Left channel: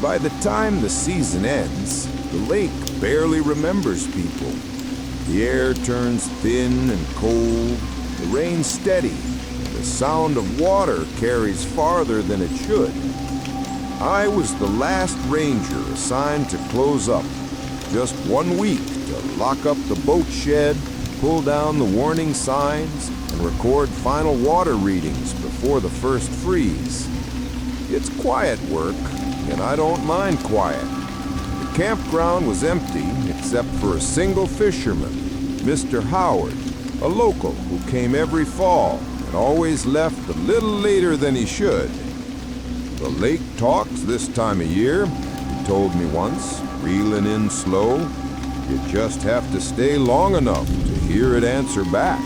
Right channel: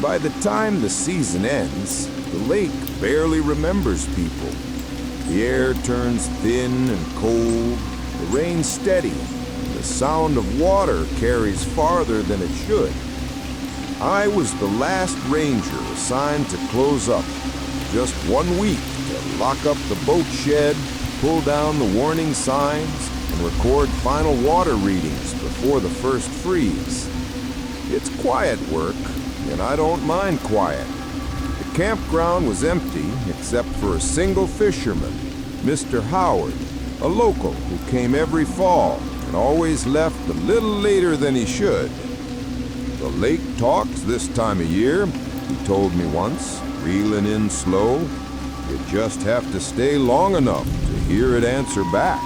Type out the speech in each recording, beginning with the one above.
By the time the season ends, the lake barely remembers people. The air turns thin and cold, the rain steady, and the sound of water carries farther than it should. I was the last ranger assigned to close up. Just 1 week to lock up the boat shed, pull down the warning signs, and record final water readings before the first freeze. It's quiet work, and I don't mind quiet. The campground was empty except for a single fisherman, Mr. Howard, a local who came every fall and always left a little later than he should. The lake talks this time of year, he told me once, reeling in slow. You just have to stay long enough to hear it answer back.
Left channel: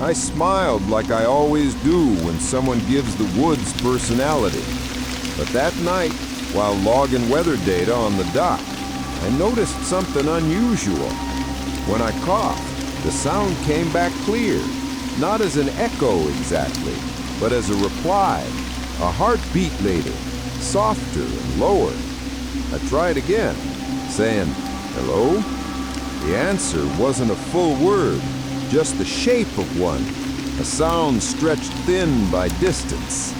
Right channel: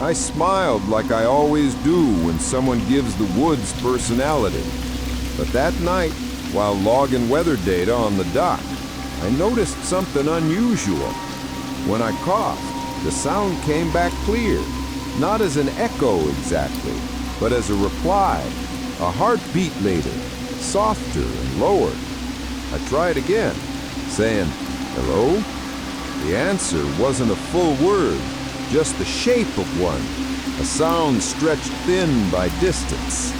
I smiled like I always do when someone gives the woods personality. But that night, while logging weather data on the dock, I noticed something unusual. When I coughed, the sound came back clear, not as an echo exactly, but as a reply, a heartbeat later, softer and lower. I tried again, saying, "Hello?" The answer wasn't a full word, just the shape of one, a sound stretched thin by distance.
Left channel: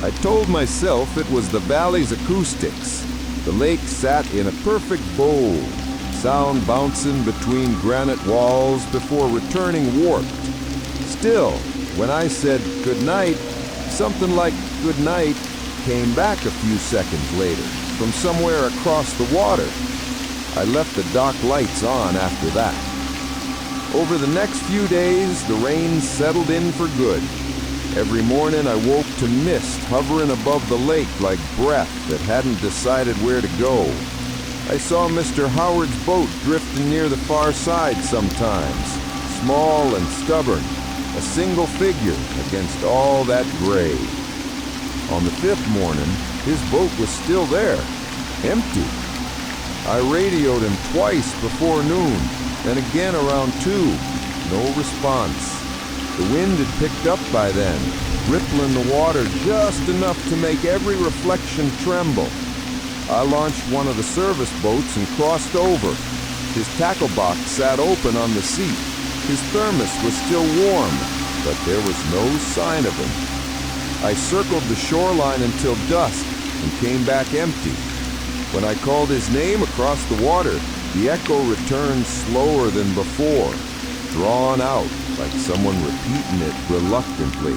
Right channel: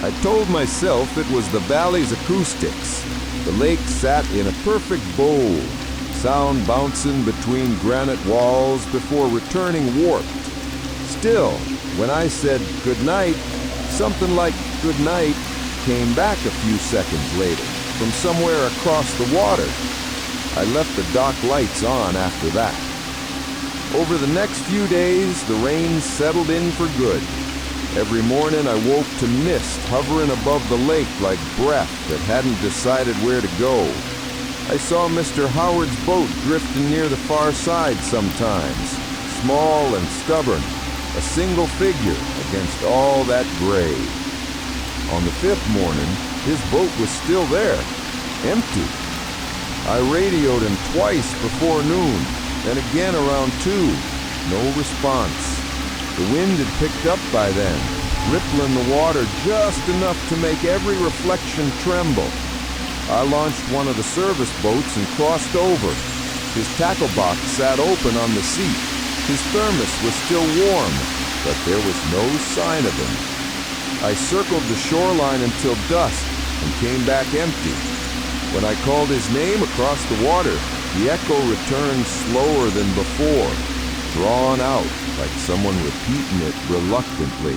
I told myself it was the valley's acoustics. The lake sat in a perfect bowl, sound bouncing between granite walls before returning warped. Still, when I said good night, something like good night came back a few seconds later from somewhere across the water. I left the dock lights on after that. Over the next few days, the rain settled in for good. Every morning I woke to mist hovering above the lake like breath that hadn't decided where to go. I saw Mr. Howard's boat drifting near the far side sometimes, small and stubborn, a single figure against all that gray. On the fifth morning, his boat was still there, empty. I radioed him twice before noon, then again around 2. No response. The wind had picked up by then, rippling the water just enough to make every reflection tremble. I launched one of the service boats and crossed over. His tackle box sat open on the seat. His thermos was still warm, but there was no sign of him. I circled the shoreline until dusk and came back empty. When I called his name across the water, the echo returned slower than before, drawn out like someone repeating it reluctantly.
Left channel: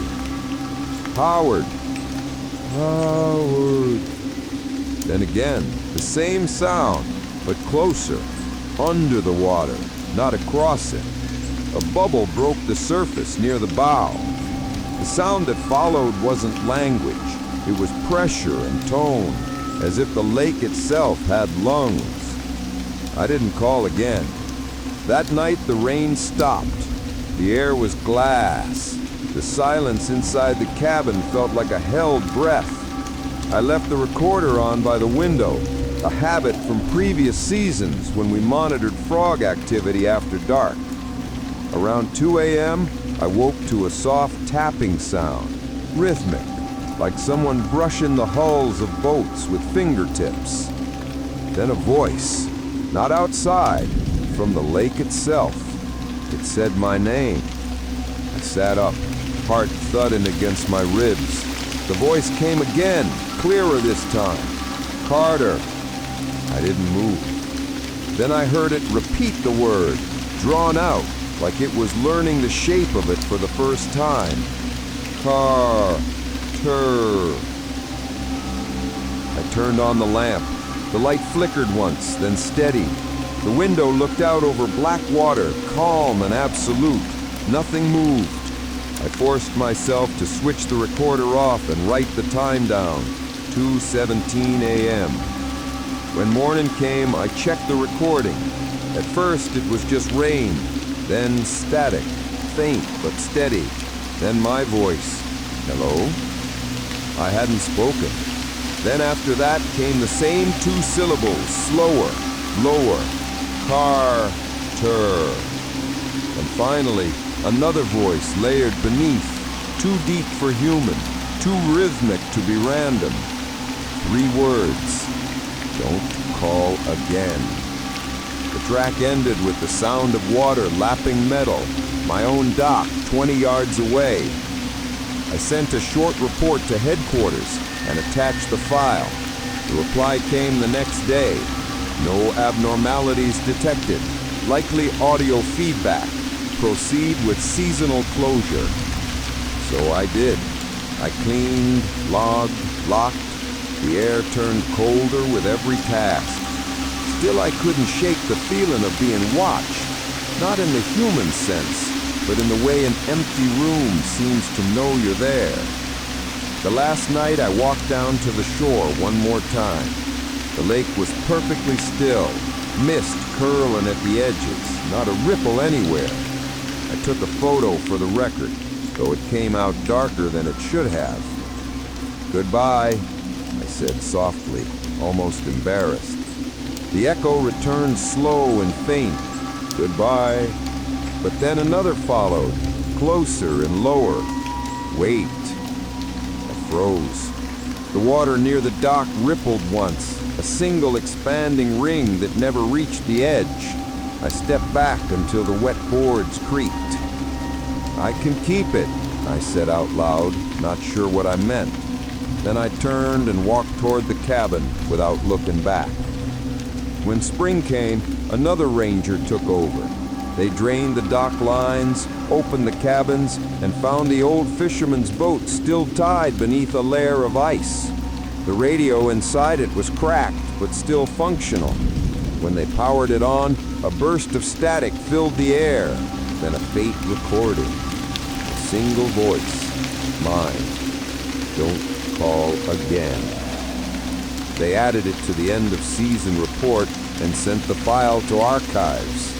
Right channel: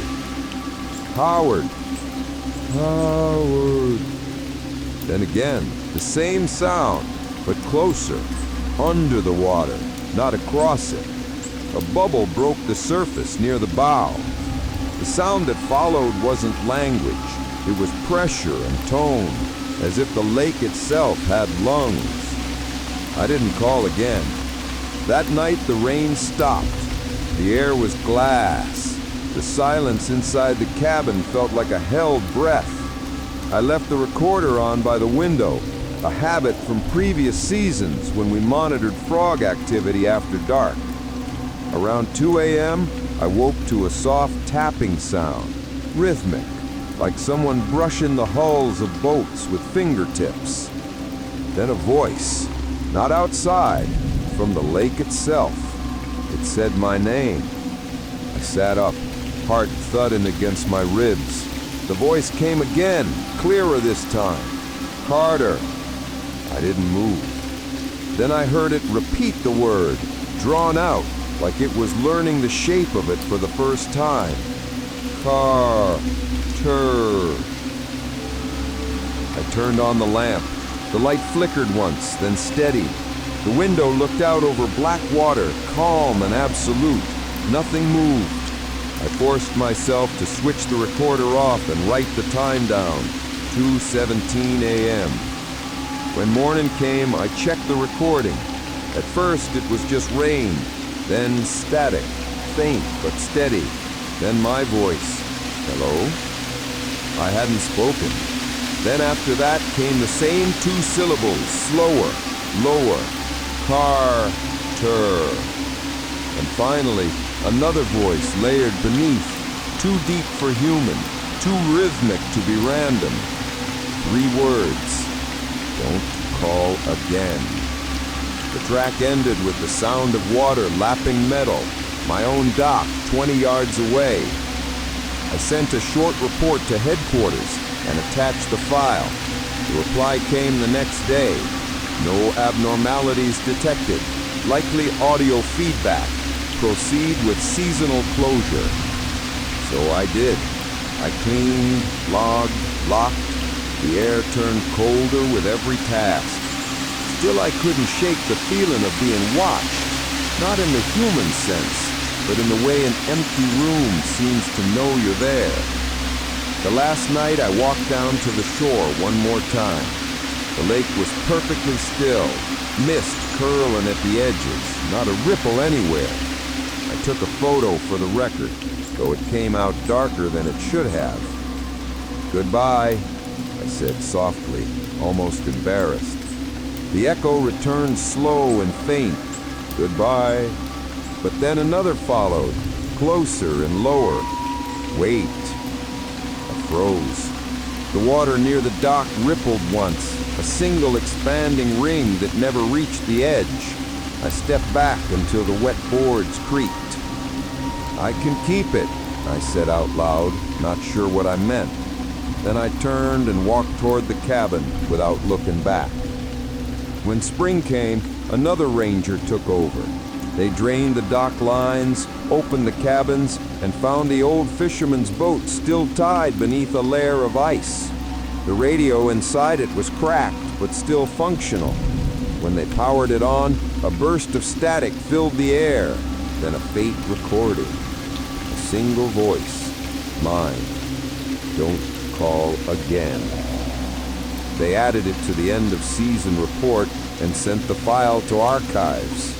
Howard. Howard. Then again, the same sound, but closer, under the water, not across it. A bubble broke the surface near the bow. The sound that followed wasn't language. It was pressure and tone, as if the lake itself had lungs. I didn't call again. That night the rain stopped. The air was glass. The silence inside the cabin felt like a held breath. I left the recorder on by the window, a habit from previous seasons when we monitored frog activity after dark. Around 2 a.m., I woke to a soft tapping sound, rhythmic, like someone brushing the hulls of boats with fingertips. Then a voice, not outside, from the lake itself. It said my name. I sat up, heart thudding against my ribs. The voice came again, clearer this time. Carter. I didn't move. Then I heard it repeat the word, drawn out, like it was learning the shape of it for the first time. Car-ter. I turned on the lamp. The light flickered once, then steadied. The window looked out over black water, calm and absolute. Nothing moved. I forced myself to switch the recorder off and write the time down, 2:17 a.m. When morning came, I checked the recording. At first, it was just rain, then static, faint but steady, then my voice, hello? I hadn't spoken. Then after that came the same 2 syllables, slower, lower, car-ter. And finally, another voice layered beneath, too deep for human, too rhythmic to be random. 3 words: don't call again. The track ended with the sound of water lapping metal, my own dock 20 yards away. I sent a short report to headquarters and attached the file. The reply came the next day. No abnormalities detected. Likely audio feedback. Proceed with seasonal closure. So I did. I cleaned, logged, locked. The air turned colder with every task. Still, I couldn't shake the feeling of being watched. Not in the human sense, but in the way an empty room seems to know you're there. The last night I walked down to the shore one more time. The lake was perfectly still, mist curling at the edges, not a ripple anywhere. I took a photo for the record, though it came out darker than it should have. "Goodbye," I said softly, almost embarrassed. The echo returned slow and faint. "Goodbye." But then another followed, closer and lower. "Wait." I froze. The water near the dock rippled once, a single expanding ring that never reached the edge. I stepped back until the wet boards creaked. "I can keep it," I said out loud, not sure what I meant. Then I turned and walked toward the cabin without looking back. When spring came, another ranger took over. They drained the dock lines, opened the cabins, and found the old fisherman's boat still tied beneath a layer of ice. The radio inside it was cracked, but still functional. When they powered it on, a burst of static filled the air, then a faint recording. A single voice, mine. "Don't call again." They added it to the end of season report and sent the file to archives.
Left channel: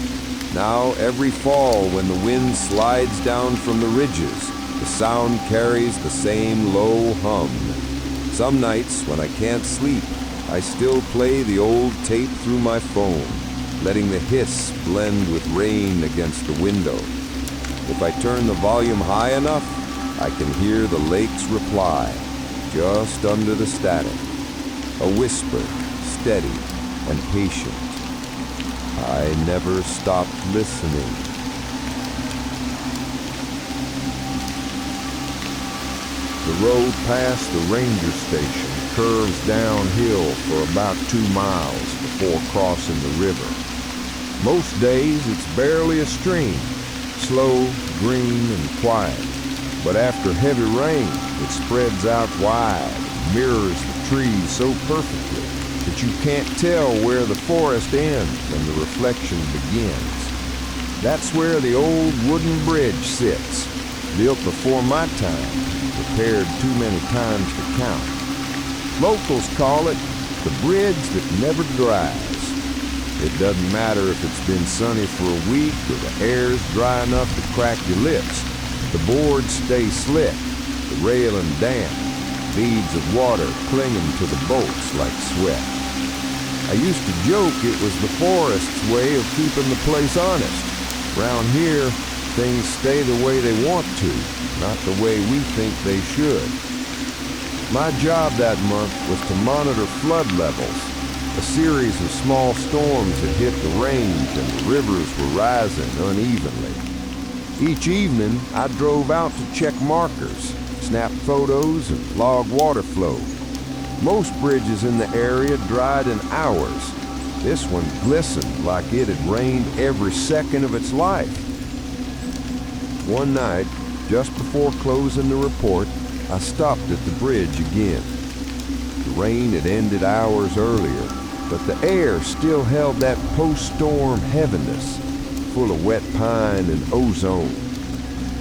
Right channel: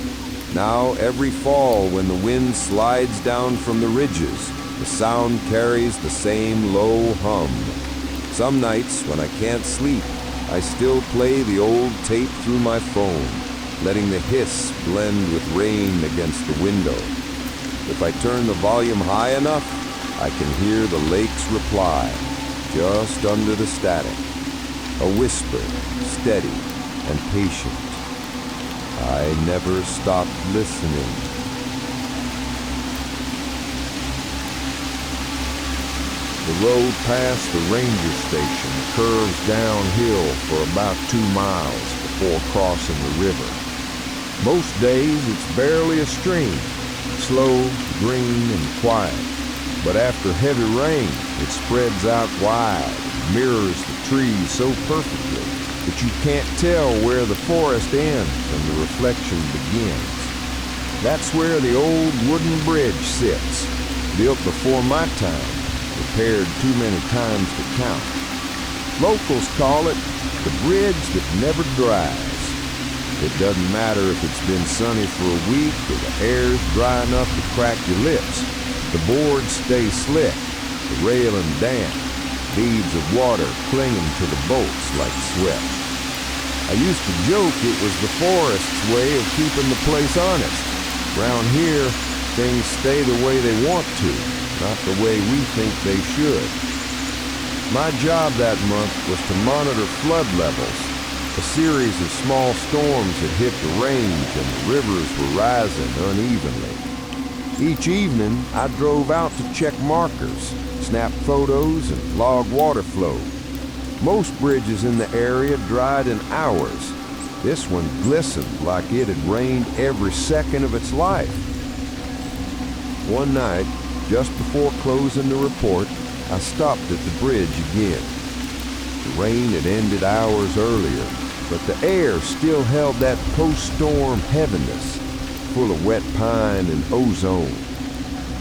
Now, every fall when the wind slides down from the ridges, the sound carries the same low hum. Some nights, when I can't sleep, I still play the old tape through my phone, letting the hiss blend with rain against the window. If I turn the volume high enough, I can hear the lake's reply, just under the static. A whisper, steady and patient. I never stopped listening. The road past the ranger station curves downhill for about 2 miles before crossing the river. Most days it's barely a stream, slow, green, and quiet. But after heavy rain, it spreads out wide and mirrors the trees so perfectly that you can't tell where the forest ends and the reflection begins. That's where the old wooden bridge sits, built before my time, repaired too many times to count. Locals call it the bridge that never dries. It doesn't matter if it's been sunny for a week or the air's dry enough to crack your lips. The boards stay slick, the railing damp, beads of water clinging to the bolts like sweat. I used to joke it was the forest's way of keeping the place honest. Round here, things stay the way they want to, not the way we think they should. My job that month was to monitor flood levels. A series of small storms had hit the range and the rivers were rising unevenly. Each evening, I drove out to check markers, snap photos, and log water flow. Most bridges in the area dried in hours. This one glistened like it had rained every second of its life. One night, just before closing the report, I stopped at the bridge again. The rain had ended hours earlier, but the air still held that post-storm heaviness, full of wet pine and ozone.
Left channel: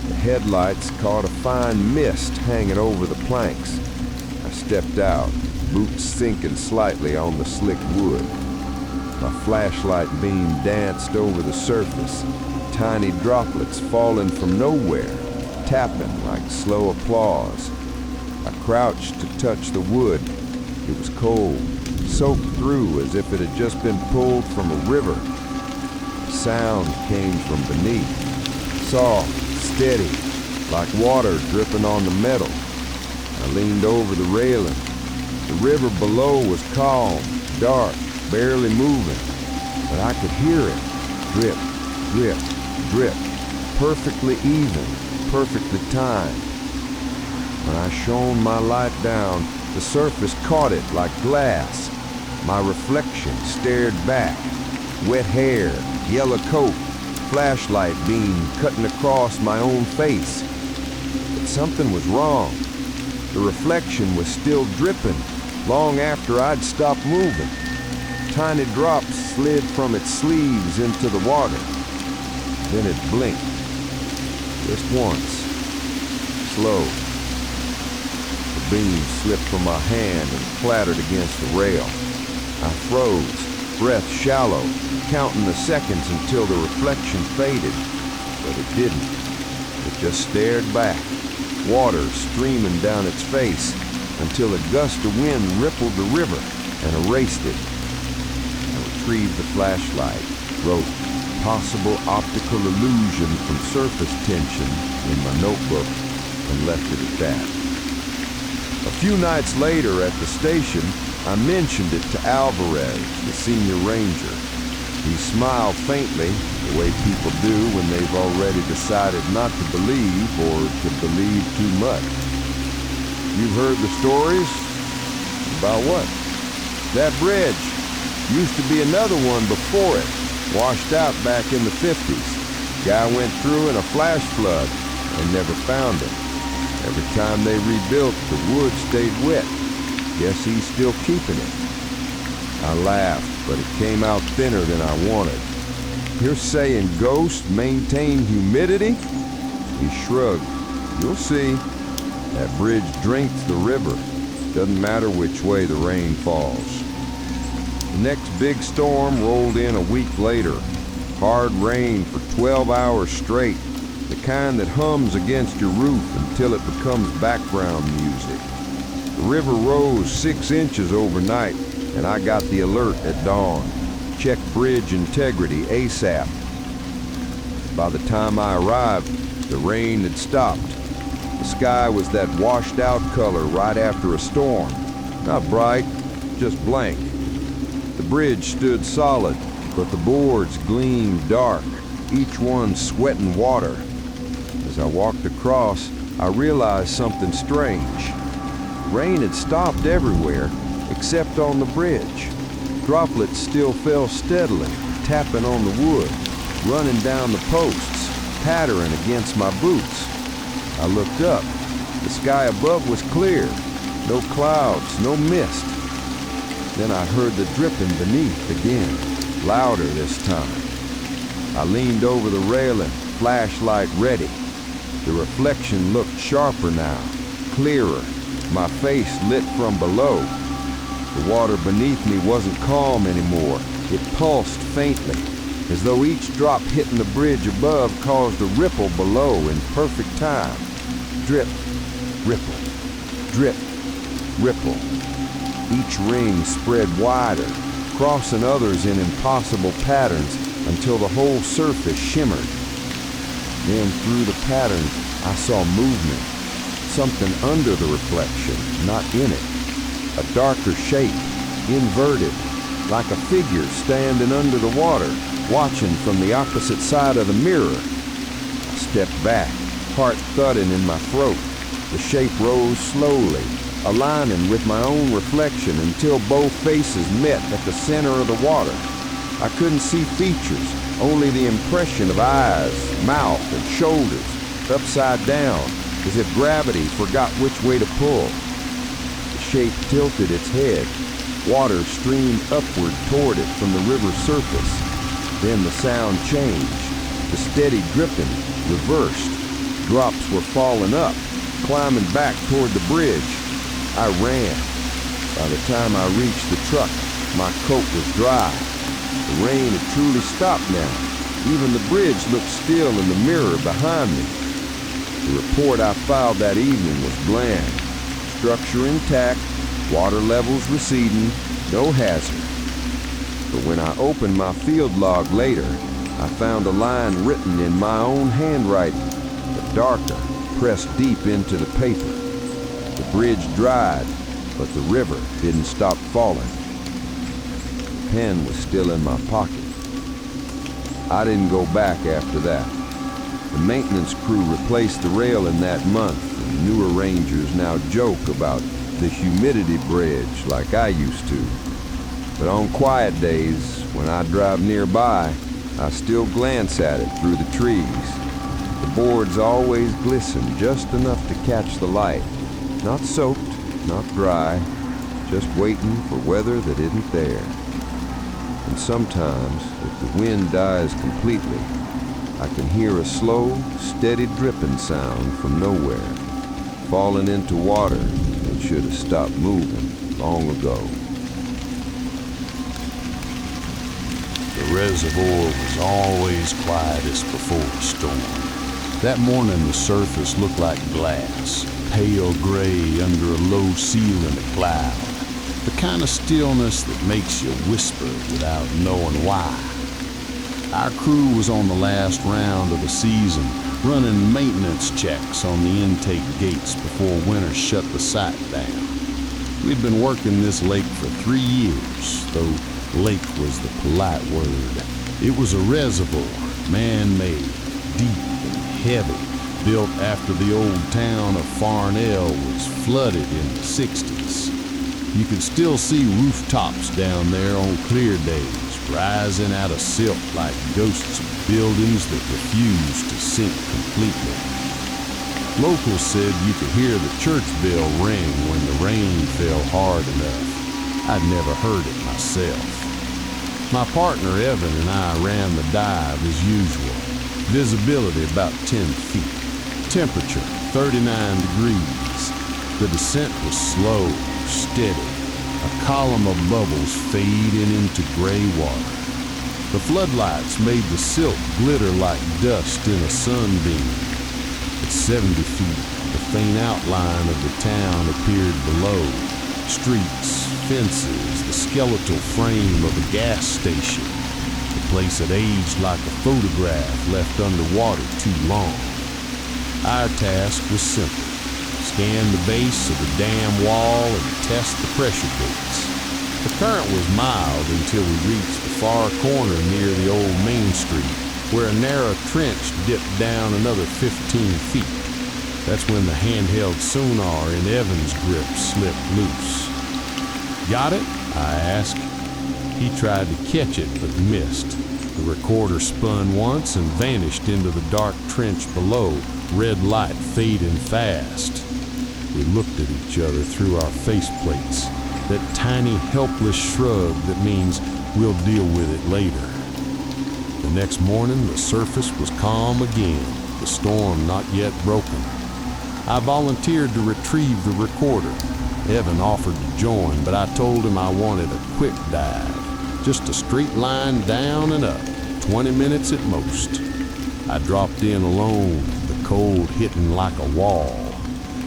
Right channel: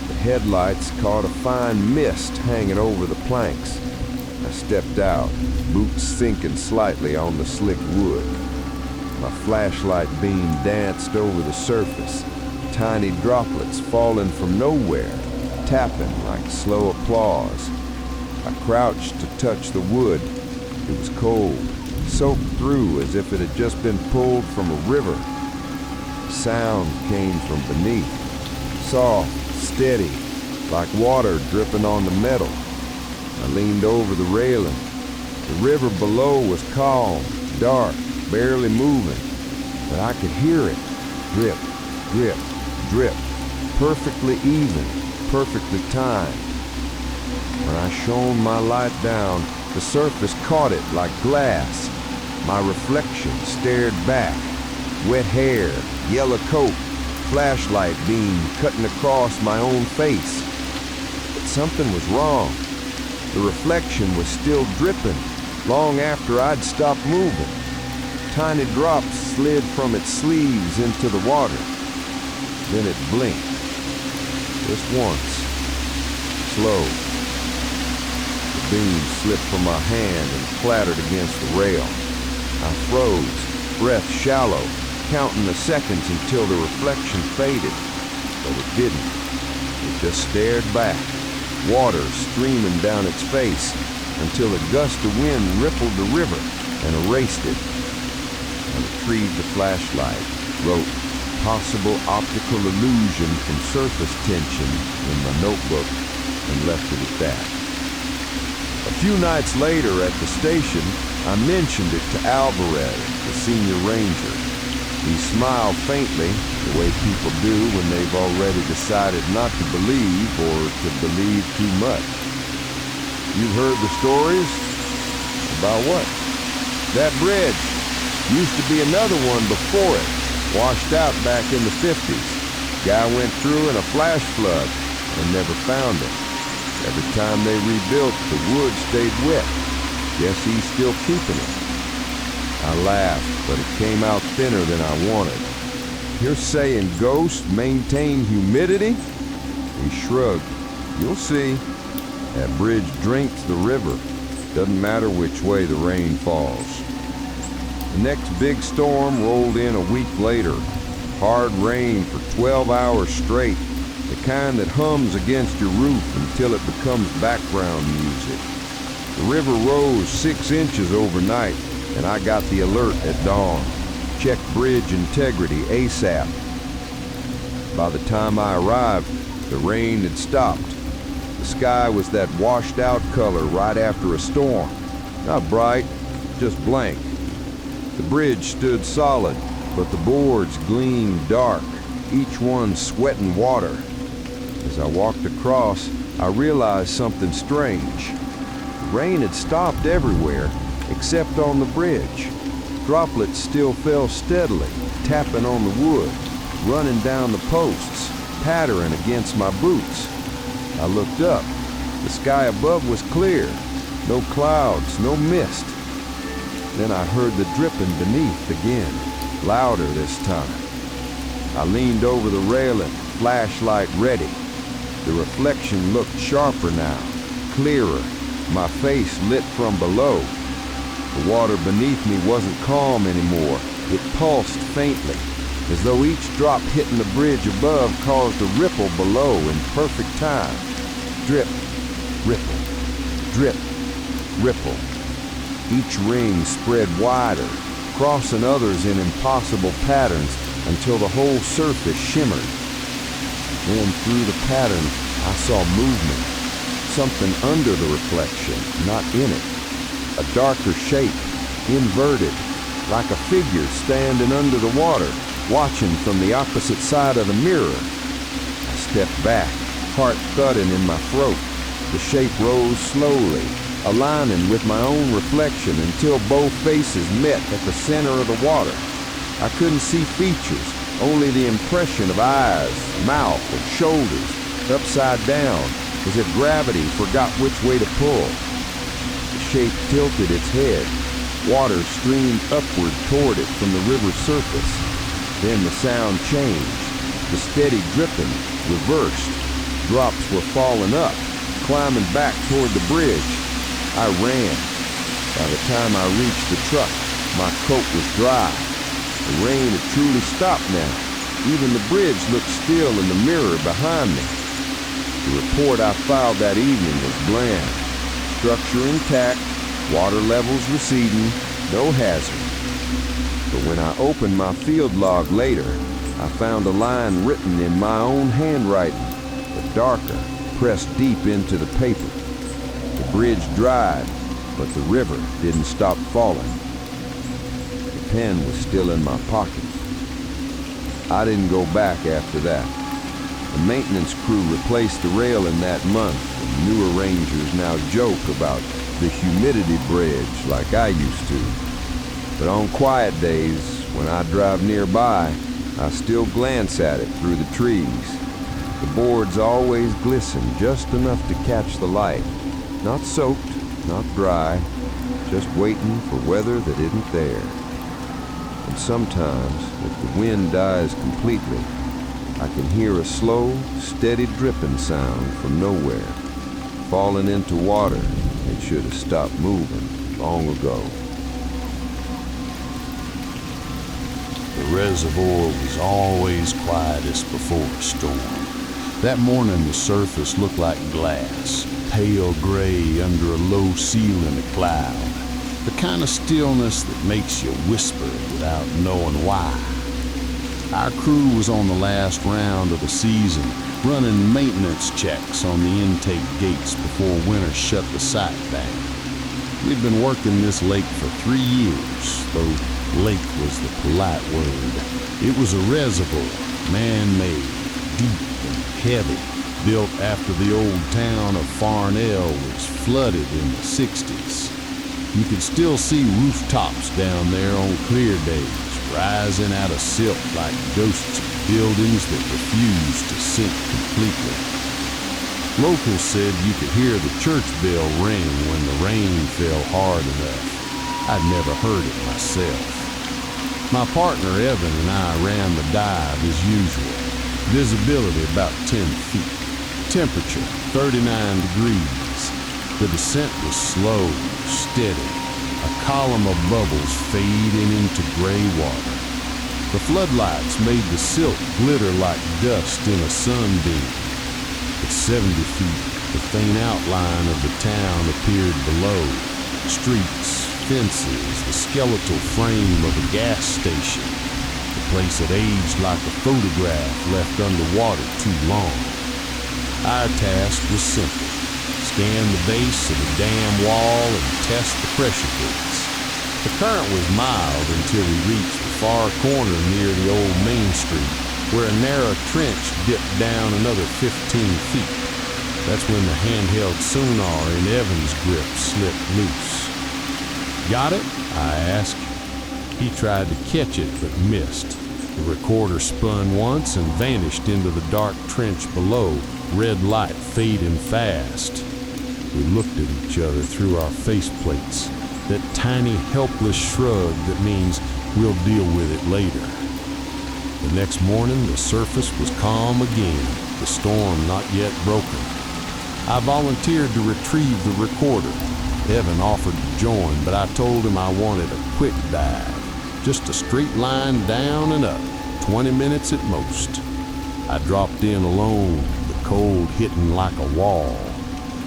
The headlights caught a fine mist hanging over the planks. I stepped out, boots sinking slightly on the slick wood. My flashlight beam danced over the surface, tiny droplets falling from nowhere, tapping like slow applause. I crouched to touch the wood. It was cold, soaked through as if it had just been pulled from a river. The sound came from beneath, soft, steady, like water dripping on the metal. I leaned over the railing. The river below was calm, dark, barely moving, but I could hear it. Drip, drip, drip, perfectly even, perfectly timed. When I shone my light down, the surface caught it like glass. My reflection stared back. Wet hair, yellow coat, flashlight beam cutting across my own face. But something was wrong. The reflection was still dripping long after I'd stopped moving. Tiny drops slid from its sleeves into the water. Then it blinked. Just once. Slow. The beam slipped from my hand and clattered against the rail. I froze, breath shallow, counting the seconds until the reflection faded. But it didn't. It just stared back, water streaming down its face, until a gust of wind rippled the river and erased it. I retrieved the flashlight, wrote "possible optical illusion from surface tension" in my notebook, and left it at that. A few nights later at the station, I mentioned it to Alvarez, the senior ranger. He smiled faintly, the way people do when they've already decided not to believe or to believe too much. You've heard the stories? About what? That bridge. Used to be another one before it, washed out back in the 50s. Guy went through in a flash flood and never found it. Every time they rebuilt, the wood stayed wet. Guess he's still keeping it. I laughed, but it came out thinner than I wanted. You're saying ghosts maintain humidity? He shrugged. You'll see. That bridge drinks the river. Doesn't matter which way the rain falls. The next big storm rolled in a week later. Hard rain for 12 hours straight. The kind that hums against your roof until it becomes background music. The river rose 6 inches overnight, and I got the alert at dawn. Check bridge integrity ASAP. By the time I arrived, the rain had stopped. The sky was that washed out color right after a storm. Not bright, just blank. The bridge stood solid, but the boards gleamed dark, each one sweating water. As I walked across, I realized something strange. Rain had stopped everywhere, except on the bridge. Droplets still fell steadily, tapping on the wood, running down the posts, pattering against my boots. I looked up. The sky above was clear. No clouds, no mist. Then I heard the dripping beneath again, louder this time. I leaned over the railing, flashlight ready. The reflection looked sharper now, clearer, my face lit from below. The water beneath me wasn't calm anymore. It pulsed faintly, as though each drop hitting the bridge above caused a ripple below in perfect time. Drip, ripple, drip, ripple. Each ring spread wider, crossing others in impossible patterns until the whole surface shimmered. Then through the pattern, I saw movement. Something under the reflection, not in it. A darker shape, inverted, like a figure standing under the water, watching from the opposite side of the mirror. I stepped back, heart thudding in my throat. The shape rose slowly, aligning with my own reflection until both faces met at the center of the water. I couldn't see features, only the impression of eyes, mouth, and shoulders, upside down, as if gravity forgot which way to pull. The shape tilted its head. Water streamed upward toward it from the river's surface. Then the sound changed. The steady dripping reversed. Drops were falling up, climbing back toward the bridge. I ran. By the time I reached the truck, my coat was dry. The rain had truly stopped now. Even the bridge looked still in the mirror behind me. The report I filed that evening was bland. Structure intact, water levels receding, no hazard. But when I opened my field log later, I found a line written in my own handwriting, but darker, pressed deep into the paper. The bridge dried, but the river didn't stop falling. The pen was still in my pocket. I didn't go back after that. The maintenance crew replaced the railing that month, and newer rangers now joke about the humidity bridge like I used to. But on quiet days, when I drive nearby, I still glance at it through the trees. The boards always glisten just enough to catch the light. Not soaked, not dry, just waiting for weather that isn't there. And sometimes, if the wind dies completely, I can hear a slow, steady dripping sound from nowhere, falling into water that should have stopped moving long ago. The reservoir was always quietest before a storm. That morning the surface looked like glass, pale gray under a low ceiling of cloud. The kind of stillness that makes you whisper without knowing why. Our crew was on the last round of the season, running maintenance checks on the intake gates before winter shut the site down. We'd been working this lake for 3 years, though lake was the polite word. It was a reservoir, man-made, deep and heavy, built after the old town of Farnell was flooded in the 60s. You could still see rooftops down there on clear days, rising out of silt like ghosts of buildings that refused to sink completely. Locals said you could hear the church bell ring when the rain fell hard enough. I'd never heard it myself. My partner Evan and I ran the dive as usual. Visibility about 10 feet. Temperature 39 degrees. The descent was slow, steady, a column of bubbles fading into gray water. The floodlights made the silt glitter like dust in a sunbeam. At 70 feet, the faint outline of the town appeared below. Streets, fences, the skeletal frame of a gas station. The place had aged like a photograph left underwater too long. Our task was simple. Scan the base of the dam wall and test the pressure gates. The current was mild until we reached the far corner near the old Main Street, where a narrow trench dipped down another 15 feet. That's when the handheld sonar in Evan's grip slipped loose. "Got it?" I asked. He tried to catch it but missed. The recorder spun once and vanished into the dark trench below, red light fading fast. We looked at each other through our faceplates, that tiny helpless shrug that means we'll deal with it later. The next morning the surface was calm again, the storm not yet broken. I volunteered to retrieve the recorder. Evan offered to join, but I told him I wanted a quick dive, just a straight line down and up, 20 minutes at most. I dropped in alone, the cold hitting like a wall.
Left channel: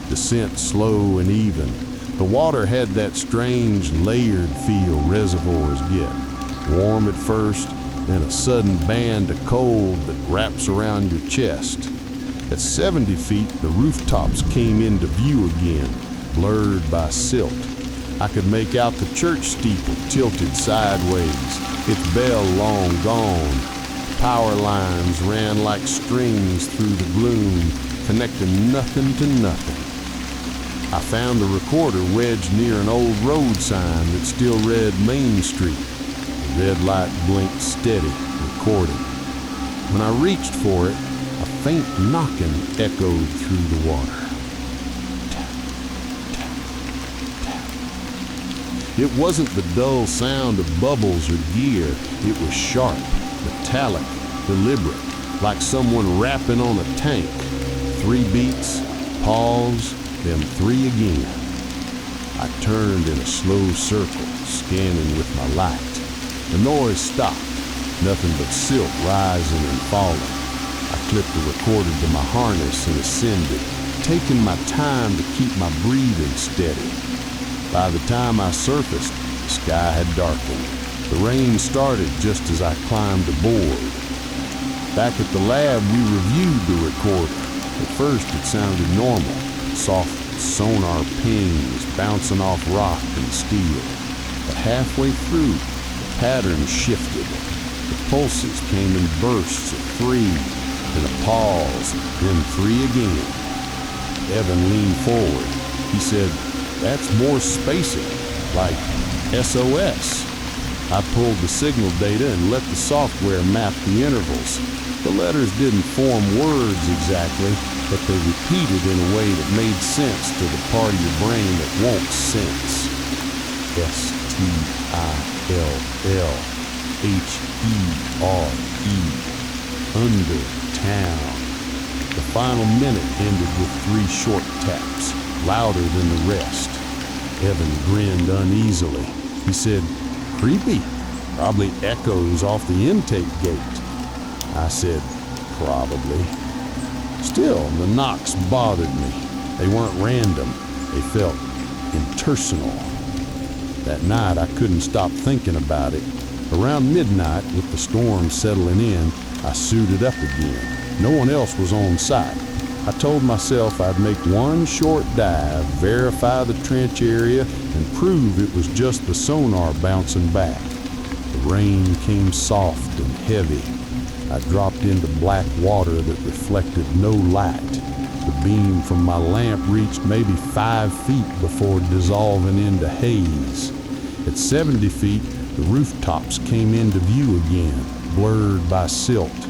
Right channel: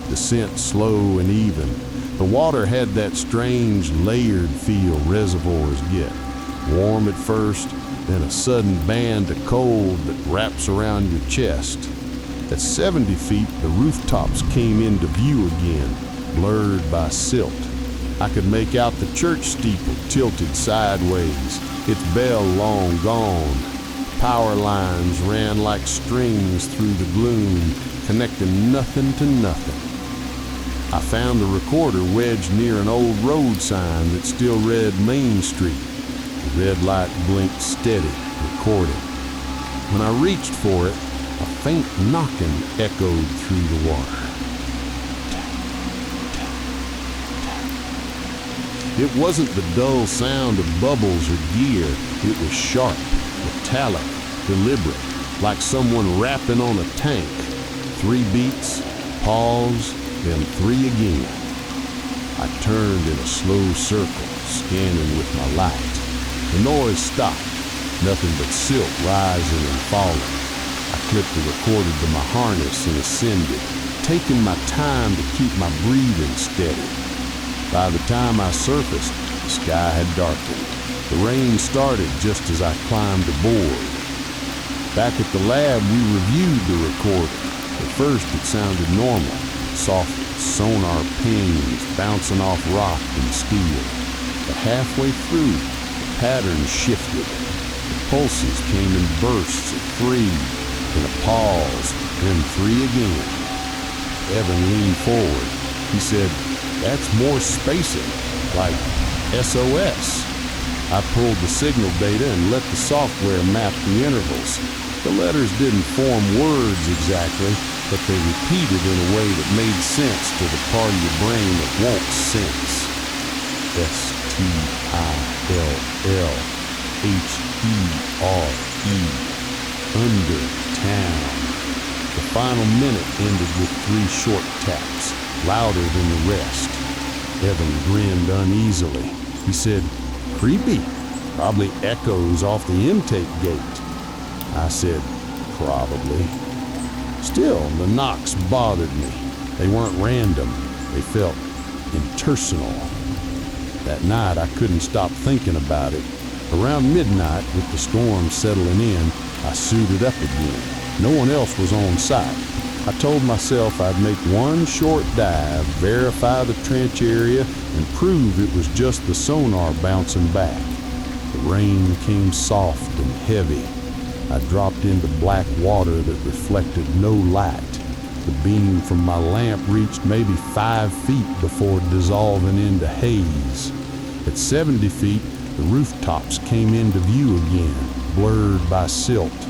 Descent slow and even. The water had that strange layered feel reservoirs get. Warm at first, then a sudden band of cold that wraps around your chest. At 70 feet, the rooftops came into view again, blurred by silt. I could make out the church steeple tilted sideways, its bell long gone. Power lines ran like strings through the gloom, connecting nothing to nothing. I found the recorder wedged near an old road sign that still read Main Street. The red light blinked steady, recording. When I reached for it, a faint knocking echoed through the water. Tap, tap, tap. It wasn't the dull sound of bubbles or gear. It was sharp, metallic, deliberate, like someone rapping on a tank. 3 beats, pause, then 3 again. I turned in a slow circle, scanning with my light. The noise stopped, nothing but silt rising and falling. I clipped the recorder to my harness and ascended, taking my time to keep my breathing steady. By the time I surfaced, the sky had darkened. The rain started just as I climbed aboard. Back at the lab, we reviewed the recorder. At first, it sounded normal, soft sonar pings bouncing off rock and steel. But halfway through, the pattern shifted. The pulses came in bursts of 3, then a pause, then 3 again. Evan leaned forward. He said, "That's more spacing, like SOS." I pulled the signal data and let the software map the intervals. The letters didn't form words exactly, but they repeated in a way that made sense to the part of your brain that won't sense. STILLHERE, under town. The final minute ended with 3 short taps, louder than the rest. Evan grinned uneasily. He said, "Creepy. Probably echoes off the intake gate." I said, "Probably." Still, the knocks bothered me. They weren't random. They felt impersonal. That night, I couldn't stop thinking about it. Around midnight, with the storm settling in, I suited up again. No one else was on site. I told myself I'd make one short dive, verify the trench area, and prove it was just the sonar bouncing back. The rain came soft and heavy. I dropped into black water that reflected no light. The beam from my lamp reached maybe 5 feet before dissolving into haze. At 70 feet, the rooftops came into view again, blurred by silt.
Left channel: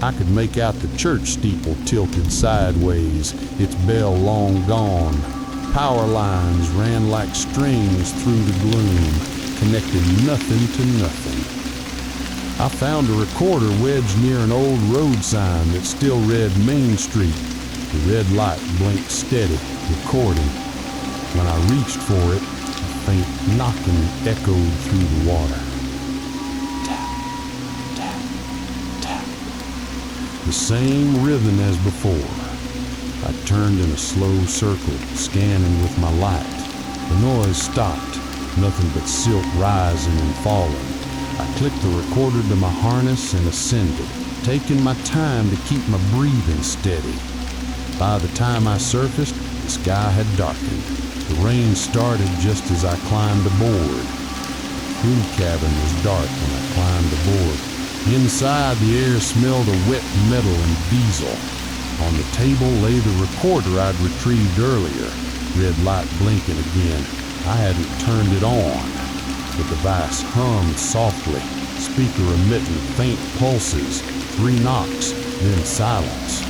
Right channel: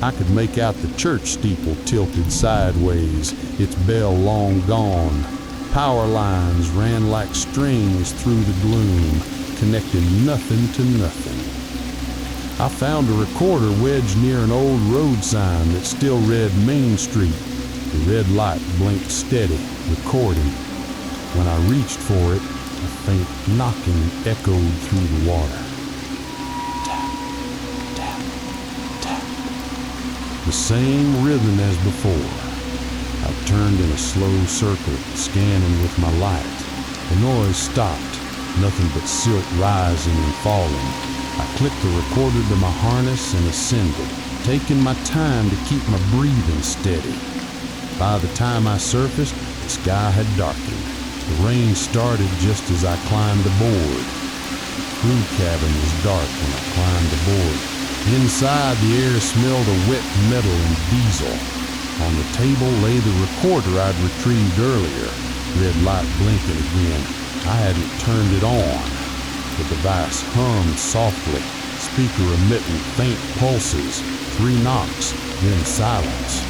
I could make out the church steeple tilted sideways, its bell long gone. Power lines ran like strings through the gloom, connecting nothing to nothing. I found a recorder wedged near an old road sign that still read Main Street. The red light blinked steady, recording. When I reached for it, a faint knocking echoed through the water. Tap, tap, tap. The same rhythm as before. I turned in a slow circle, scanning with my light. The noise stopped, nothing but silt rising and falling. I clicked the recorder to my harness and ascended, taking my time to keep my breathing steady. By the time I surfaced, the sky had darkened. The rain started just as I climbed aboard. The crew cabin was dark when I climbed aboard. Inside, the air smelled of wet metal and diesel. On the table lay the recorder I'd retrieved earlier, red light blinking again. I hadn't turned it on. The device hummed softly, speaker emitting faint pulses, 3 knocks, then silence.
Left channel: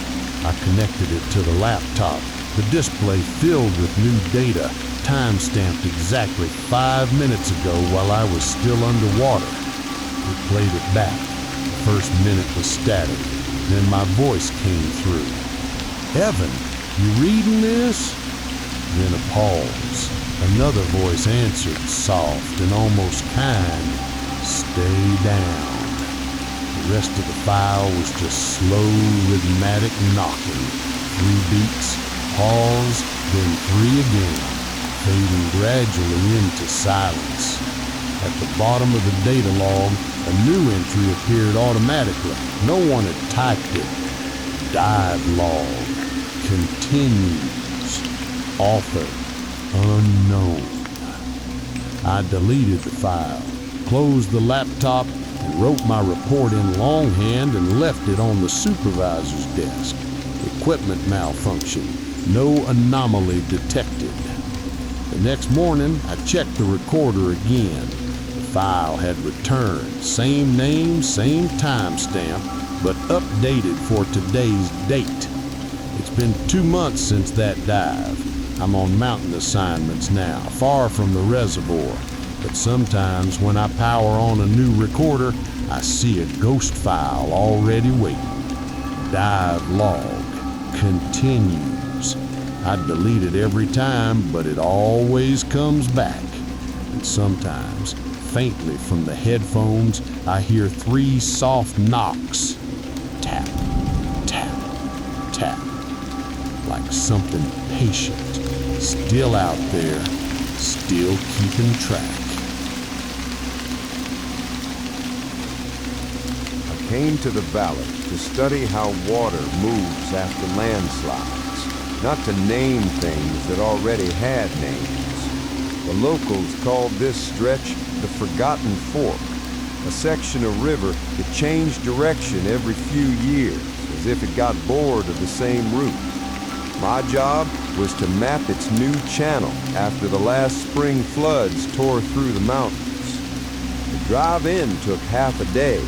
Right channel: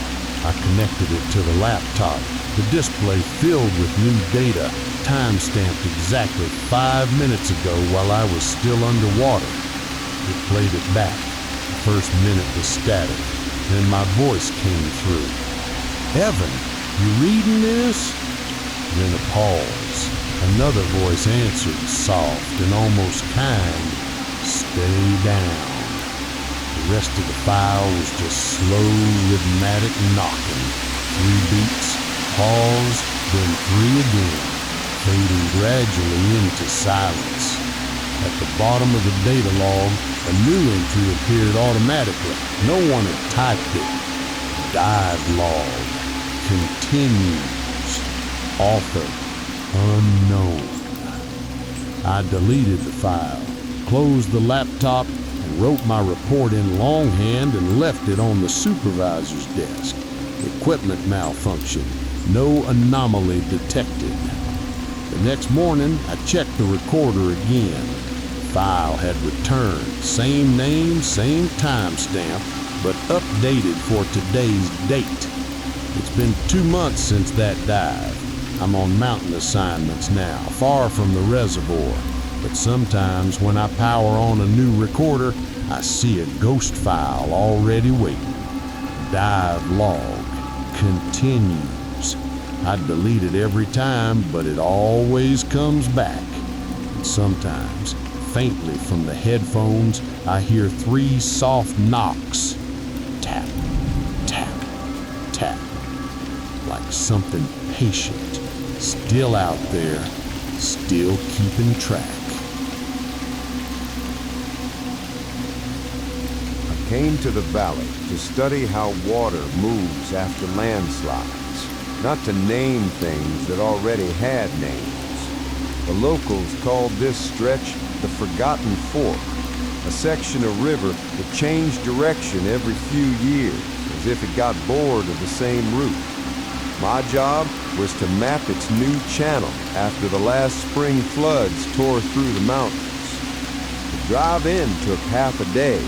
I connected it to the laptop, the display filled with new data, time-stamped exactly 5 minutes ago while I was still underwater. It played it back. The first minute was static. Then my voice came through. "Evan, you reading this?" Then a pause. Another voice answered, soft and almost kind. "Stay down." The rest of the file was just slow, rhythmic knocking. 3 beats, pause, then 3 again, fading gradually into silence. At the bottom of the data log, a new entry appeared automatically. No one had typed it. Dive log. Continues. Author unknown. I deleted the file, closed the laptop, and wrote my report in longhand and left it on the supervisor's desk. Equipment malfunction. No anomaly detected. The next morning, I checked the recorder again. The file had returned. Same name, same timestamp, but updated for today's date. It's been 2 months since that dive. I'm on mountain assignments now, far from the reservoir. But sometimes when I power on a new recorder, I see a ghost file already waiting. Dive log. Continues. I delete it every time, but it always comes back. And sometimes, faintly from the headphones, I hear 3 soft knocks. Tap, tap, tap. Like something patient, still out there, still keeping track. I came to the valley to study how water moves after landslides. not to name things that already had names. The locals called this stretch the Forgotten Fork, a section of river that changed direction every few years, as if it got bored of the same route. My job was to map its new channel after the last spring floods tore through the mountains. The drive in took half a day,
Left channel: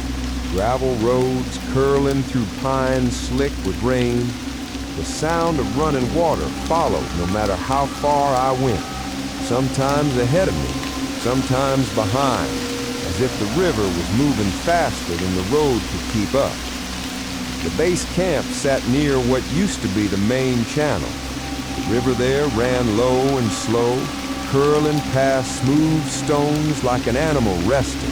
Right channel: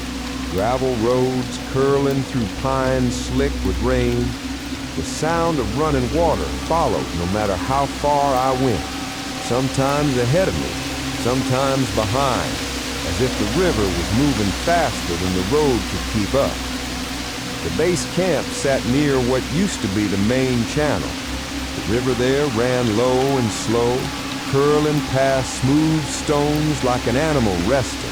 gravel roads curling through pines slick with rain. The sound of running water followed no matter how far I went, sometimes ahead of me, sometimes behind, as if the river was moving faster than the road could keep up. The base camp sat near what used to be the main channel. The river there ran low and slow, curling past smooth stones like an animal resting.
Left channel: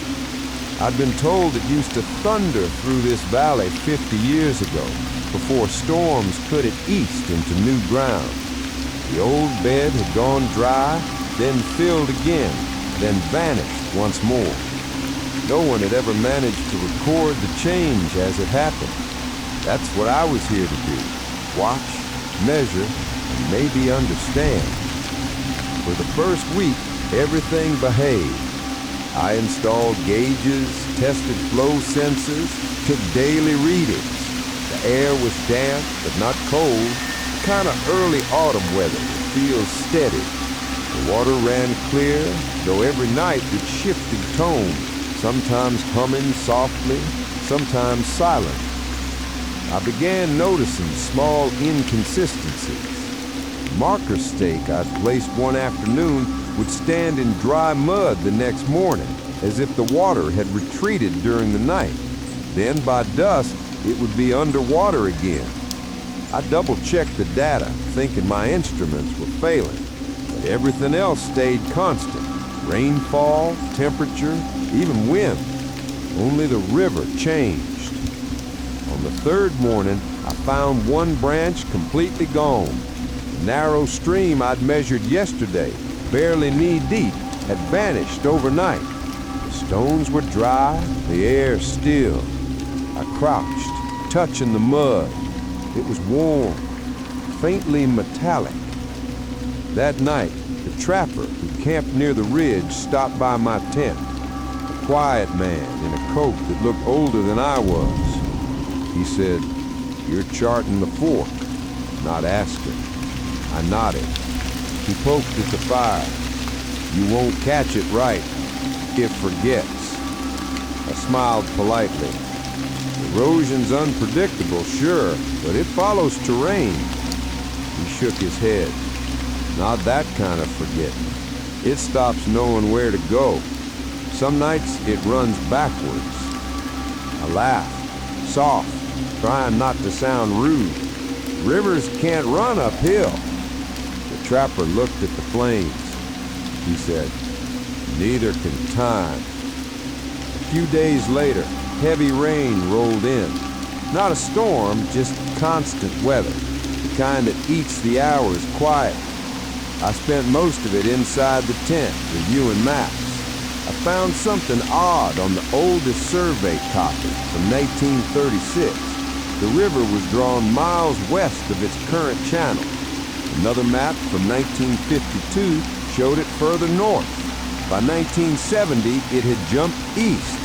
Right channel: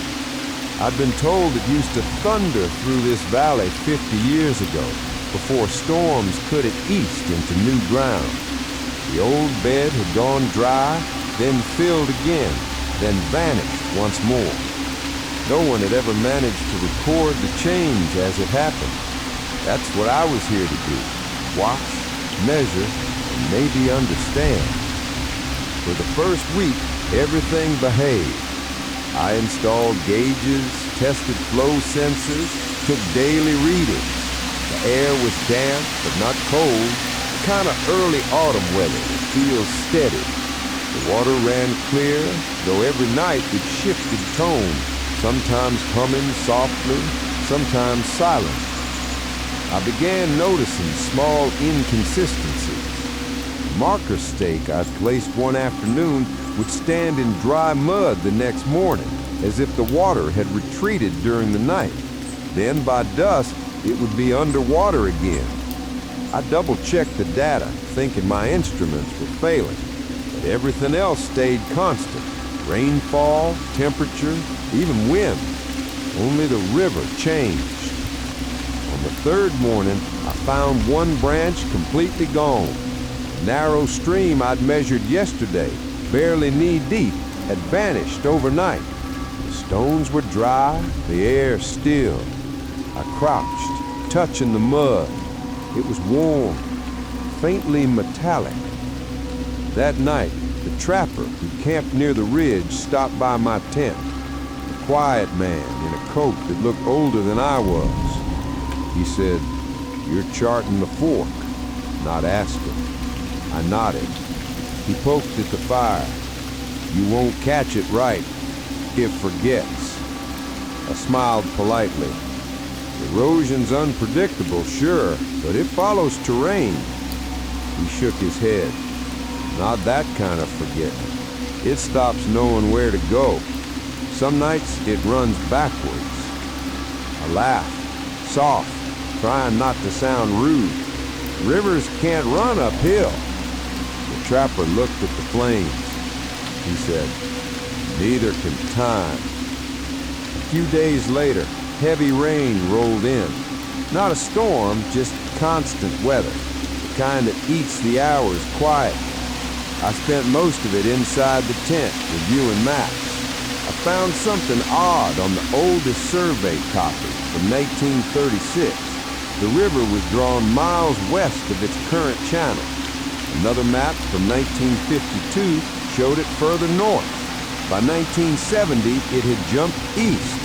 I'd been told it used to thunder through this valley 50 years ago, before storms cut it east into new ground. The old bed had gone dry, then filled again, then vanished once more. No one had ever managed to record the change as it happened. That's what I was here to do. Watch, measure, and maybe understand. For the first week, everything behaved. I installed gauges, tested flow sensors, took daily readings. The air was damp, but not cold, the kind of early autumn weather that feels steady. The water ran clear, though every night it shifted tone, sometimes humming softly, sometimes silent. I began noticing small inconsistencies. The marker stake I'd placed one afternoon would stand in dry mud the next morning, as if the water had retreated during the night. Then by dusk, it would be underwater again. I double-checked the data, thinking my instruments were failing, but everything else stayed constant. Rainfall, temperature, even wind. Only the river changed. On the third morning, I found one branch completely gone. The narrow stream I'd measured yesterday, barely knee-deep, had vanished overnight. The stones were dry, the air still. I crouched, touching the mud. It was warm, faintly metallic. That night, the trapper who camped near the ridge stopped by my tent. A quiet man in a coat that looked older than I was. He said, "You're charting the fork," not asking. I nodded. He poked at the fire. "You won't catch it right. It forgets." I smiled politely. "Erosion's unpredictable, sure, but it follows terrain." He shook his head. "Not that kind of forgetting. It stops knowing where to go. Some nights it runs backwards." I laughed, soft, trying not to sound rude. "Rivers can't run uphill." The trapper looked at the flames. He said, "Neither can time." A few days later, heavy rain rolled in. Not a storm, just constant weather, the kind that eats the hours quietly. I spent most of it inside the tent, reviewing maps. I found something odd on the oldest survey copy from 1936. The river was drawn miles west of its current channel. Another map from 1952 showed it further north. By 1970, it had jumped east.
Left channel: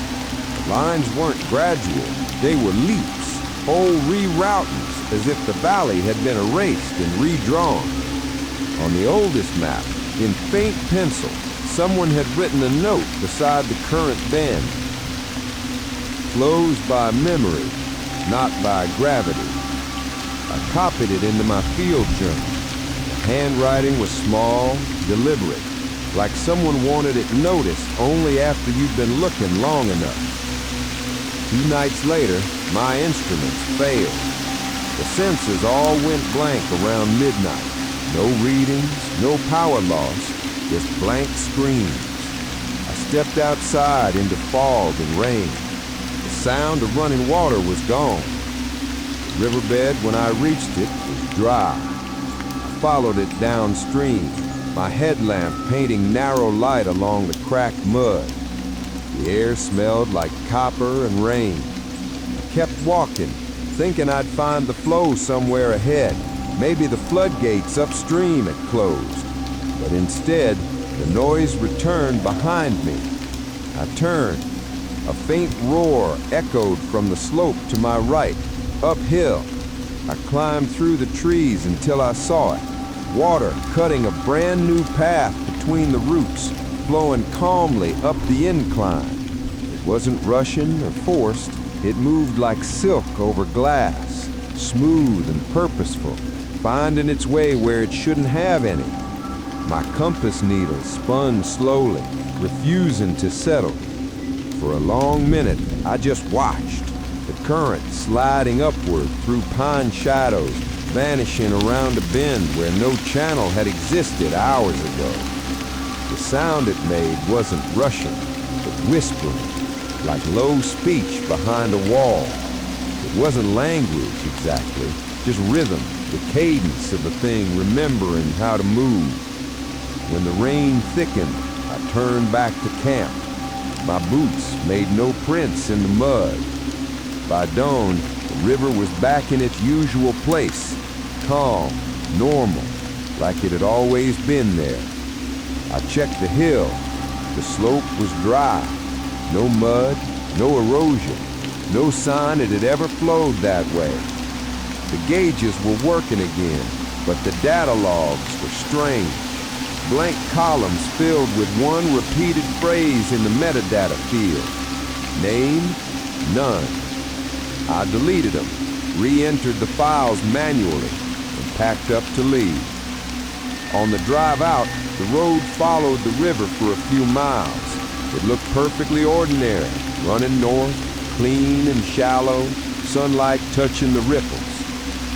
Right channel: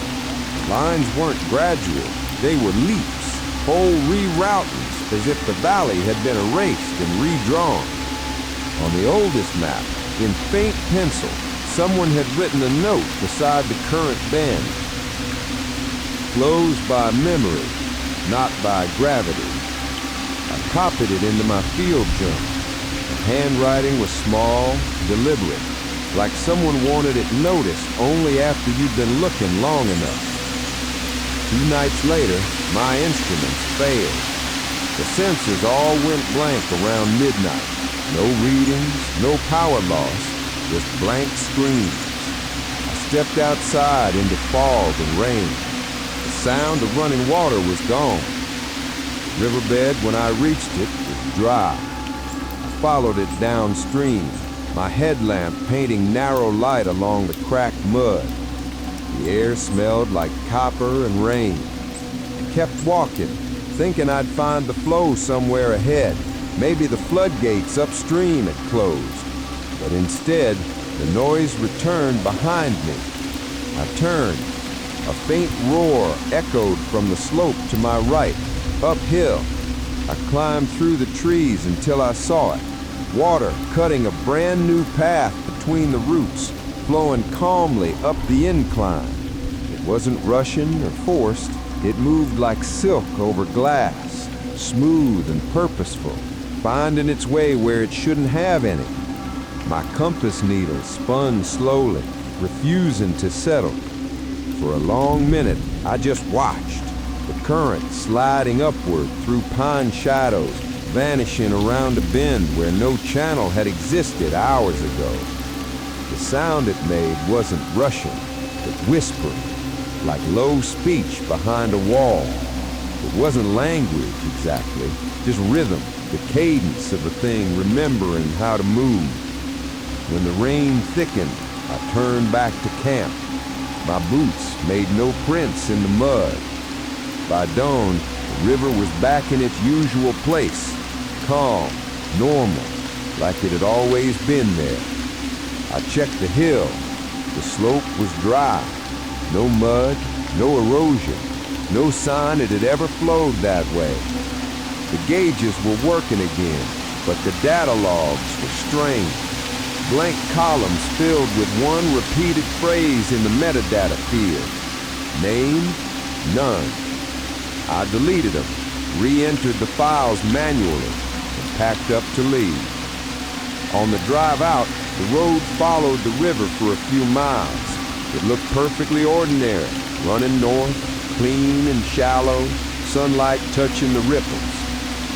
The lines weren't gradual, they were leaps, whole reroutings, as if the valley had been erased and redrawn. On the oldest map, in faint pencil, someone had written a note beside the current bend. "Flows by memory, not by gravity." I copied it into my field journal. The handwriting was small, deliberate, like someone wanted it noticed only after you'd been looking long enough. 2 nights later, my instruments failed. The sensors all went blank around midnight. No readings, no power loss, just blank screens. I stepped outside into fog and rain. The sound of running water was gone. The riverbed, when I reached it, was dry. I followed it downstream, my headlamp painting narrow light along the cracked mud. The air smelled like copper and rain. I kept walking, thinking I'd find the flow somewhere ahead, Maybe the floodgates upstream had closed, but instead, the noise returned behind me. I turned. A faint roar echoed from the slope to my right, uphill. I climbed through the trees until I saw it. Water cutting a brand new path between the roots, flowing calmly up the incline. It wasn't rushing or forced. It moved like silk over glass, smooth and purposeful, finding its way where it shouldn't have any. My compass needle spun slowly, refusing to settle. For a long minute, I just watched, the current sliding upward through pine shadows, vanishing around a bend where no channel had existed hours ago. The sound it made wasn't rushing, but whispering, like low speech behind a wall. It wasn't language exactly, just rhythm, the cadence of a thing remembering how to move. When the rain thickened, I turned back to camp. My boots made no prints in the mud. By dawn, the river was back in its usual place, calm, normal, like it had always been there. I checked the hill. The slope was dry. No mud, no erosion, no sign it had ever flowed that way. The gauges were working again, but the data logs were strange. Blank columns filled with one repeated phrase in the metadata field. Name? None. I deleted them, re-entered the files manually, and packed up to leave. On the drive out, the road followed the river for a few miles. It looked perfectly ordinary, running north, clean and shallow, sunlight touching the ripples.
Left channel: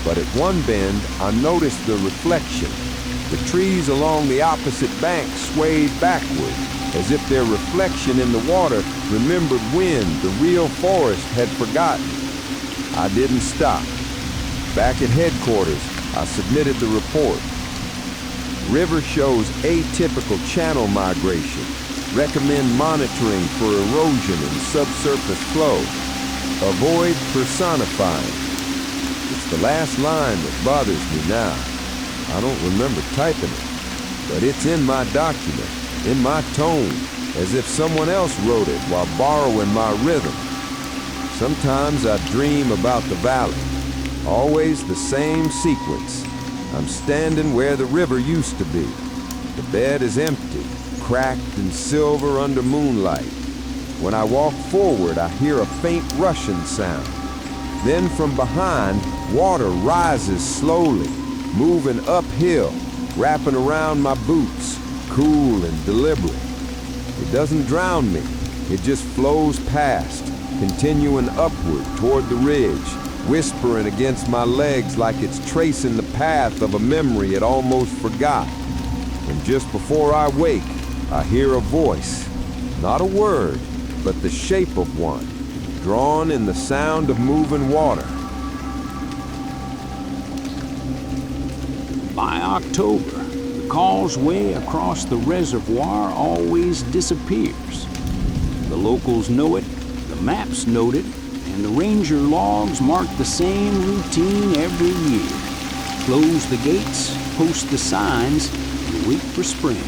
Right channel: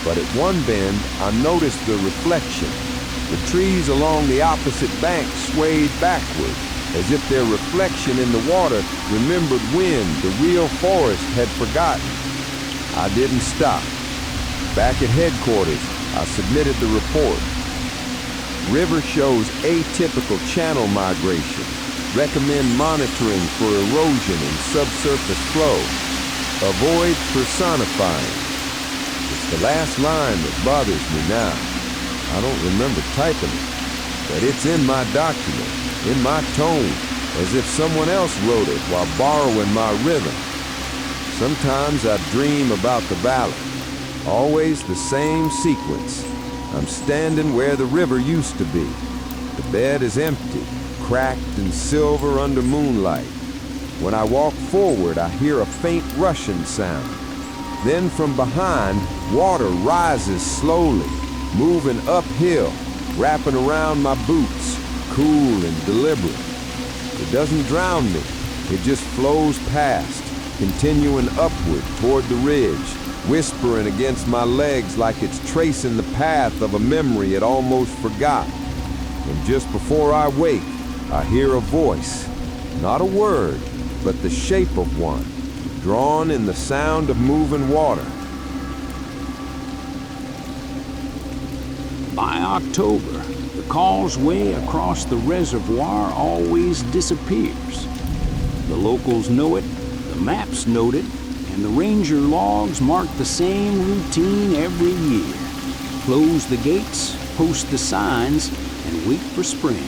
But at one bend, I noticed the reflection. The trees along the opposite bank swayed backward, as if their reflection in the water remembered when the real forest had forgotten. I didn't stop. Back at headquarters, I submitted the report. River shows atypical channel migration. Recommend monitoring for erosion and subsurface flow. Avoid personifying. It's the last line that bothers me now. I don't remember typing it, but it's in my document, in my tone, as if someone else wrote it while borrowing my rhythm. Sometimes I dream about the valley, always the same sequence. I'm standing where the river used to be. The bed is empty, cracked and silver under moonlight. When I walk forward, I hear a faint rushing sound. Then from behind, water rises slowly, moving uphill, wrapping around my boots, cool and deliberate. It doesn't drown me, it just flows past, continuing upward toward the ridge, whispering against my legs like it's tracing the path of a memory it almost forgot. And just before I wake, I hear a voice, not a word, but the shape of one, drawn in the sound of moving water. By October, the causeway across the reservoir always disappears. The locals know it, the maps note it, and the ranger logs mark the same routine every year. Close the gates, post the signs, and wait for spring.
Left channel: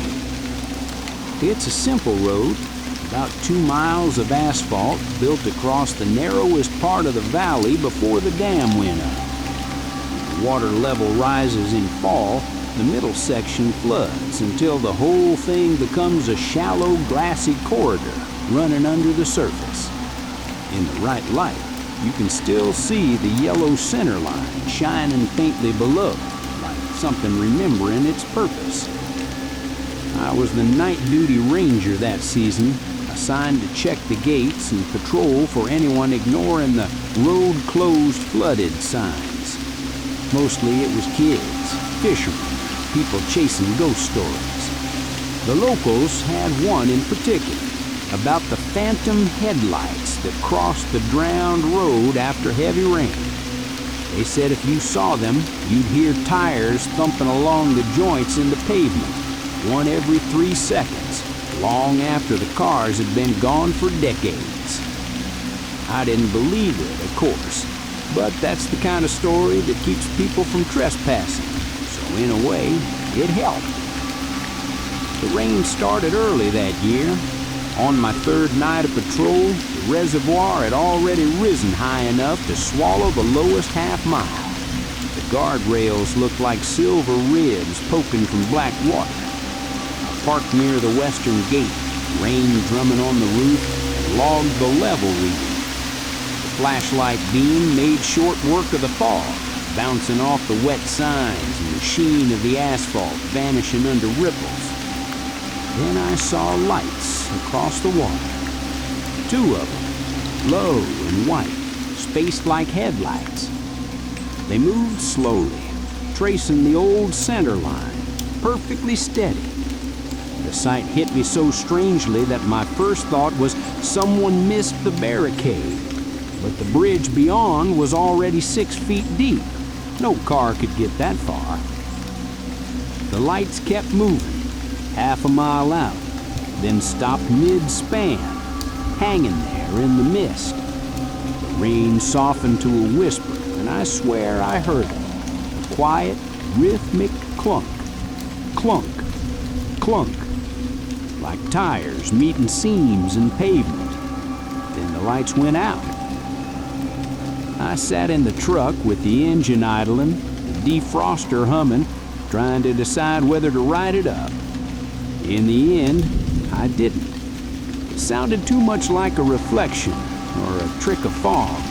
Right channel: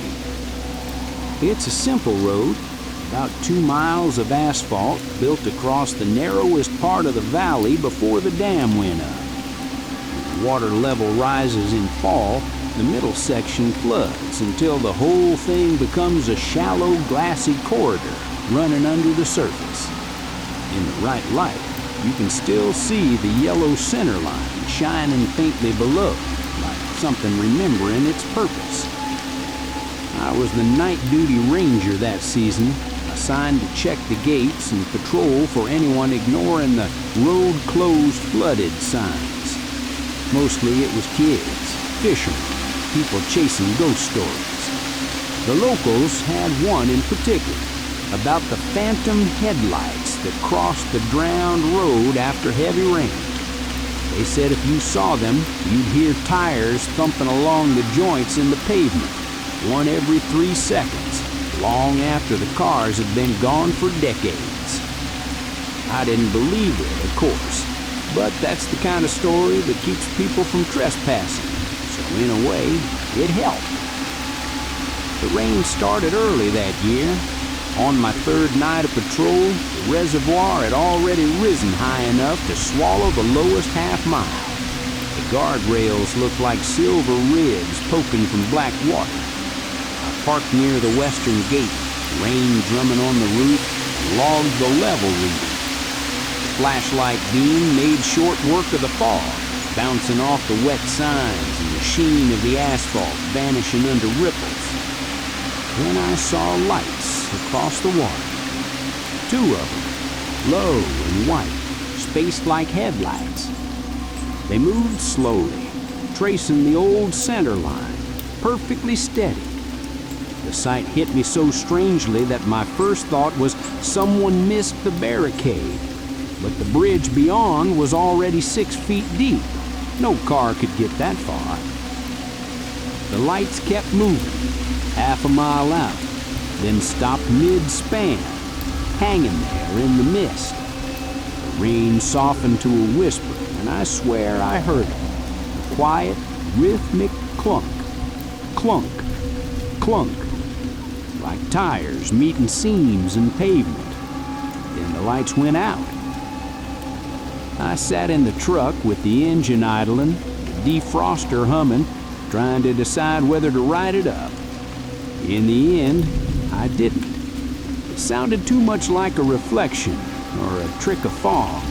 It's a simple road, about 2 miles of asphalt built across the narrowest part of the valley before the dam went up. When the water level rises in fall, the middle section floods until the whole thing becomes a shallow, glassy corridor running under the surface. In the right light, you can still see the yellow center line shining faintly below, like something remembering its purpose. I was the night duty ranger that season, assigned to check the gates and patrol for anyone ignoring the road closed flooded signs. Mostly it was kids, fishermen, people chasing ghost stories. The locals had one in particular, about the phantom headlights that crossed the drowned road after heavy rain. They said if you saw them, you'd hear tires thumping along the joints in the pavement, one every 3 seconds, long after the cars had been gone for decades. I didn't believe it, of course, But that's the kind of story that keeps people from trespassing. So in a way, it helped. The rain started early that year. On my third night of patrol, the reservoir had already risen high enough to swallow the lowest half mile. The guardrails looked like silver ribs poking from black water. I parked near the western gate, rain drumming on the roof, and logged the level reading. The flashlight beam made short work of the fog, bouncing off the wet signs and the sheen of the asphalt vanishing under ripples. Then I saw lights across the water. 2 of them, low and white, spaced like headlights. They moved slowly, tracing the old center line, perfectly steady. The sight hit me so strangely that my first thought was someone missed the barricade. But the bridge beyond was already 6 feet deep. No car could get that far. The lights kept moving, half a mile out, then stopped mid-span, hanging there in the mist. The rain softened to a whisper, and I swear I heard it. A quiet, rhythmic clunk, clunk, clunk, like tires meeting seams and pavement. Then the lights went out. I sat in the truck with the engine idling, the defroster humming, trying to decide whether to ride it up. In the end, I didn't. It sounded too much like a reflection or a trick of fog.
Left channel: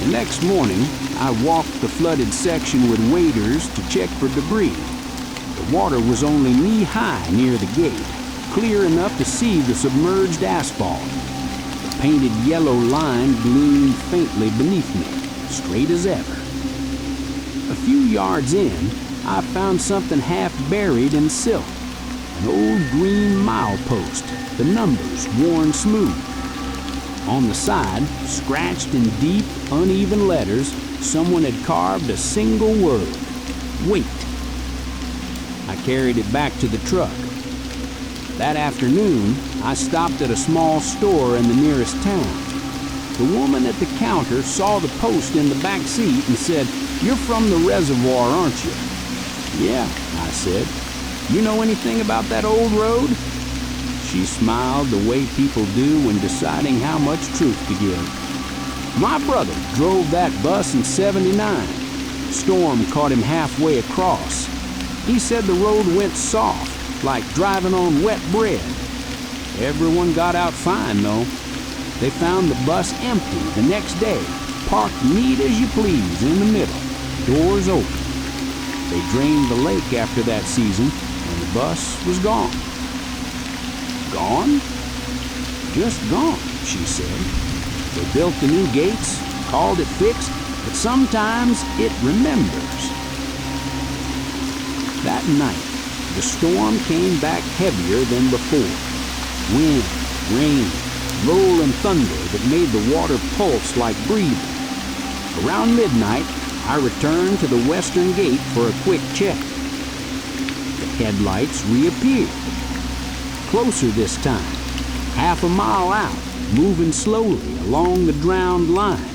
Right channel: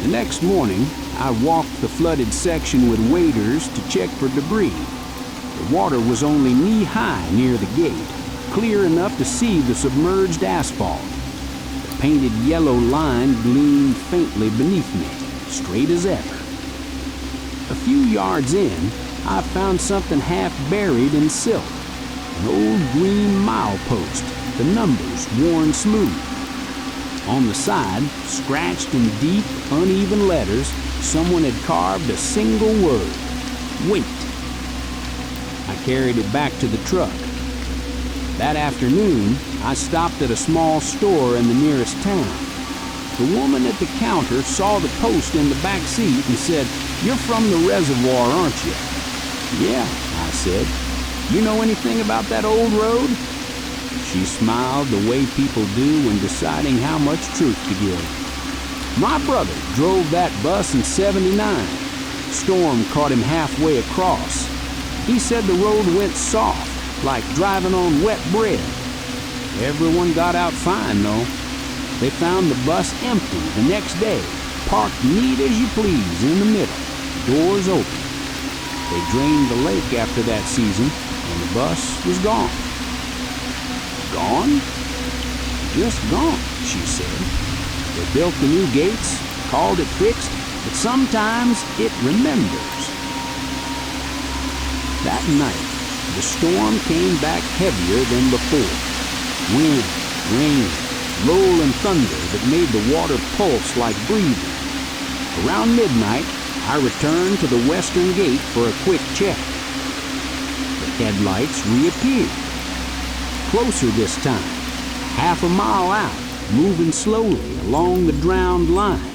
The next morning, I walked the flooded section with waders to check for debris. The water was only knee-high near the gate, clear enough to see the submerged asphalt. The painted yellow line gleamed faintly beneath me, straight as ever. A few yards in, I found something half buried in silt. An old green milepost, the numbers worn smooth. On the side, scratched in deep, uneven letters, someone had carved a single word: wait. I carried it back to the truck. That afternoon, I stopped at a small store in the nearest town. The woman at the counter saw the post in the back seat and said, "You're from the reservoir, aren't you?" "Yeah," I said. "You know anything about that old road?" She smiled the way people do when deciding how much truth to give. "My brother drove that bus in '79. Storm caught him halfway across. He said the road went soft, like driving on wet bread. Everyone got out fine, though. They found the bus empty the next day, parked neat as you please in the middle, doors open. They drained the lake after that season, and the bus was gone." "Gone?" "Just gone," she said. "They built the new gates, called it fixed, but sometimes it remembers." That night, the storm came back heavier than before. Wind, rain, rolling thunder that made the water pulse like breathing. Around midnight, I returned to the western gate for a quick check. The headlights reappeared. Closer this time, half a mile out, moving slowly along the drowned line.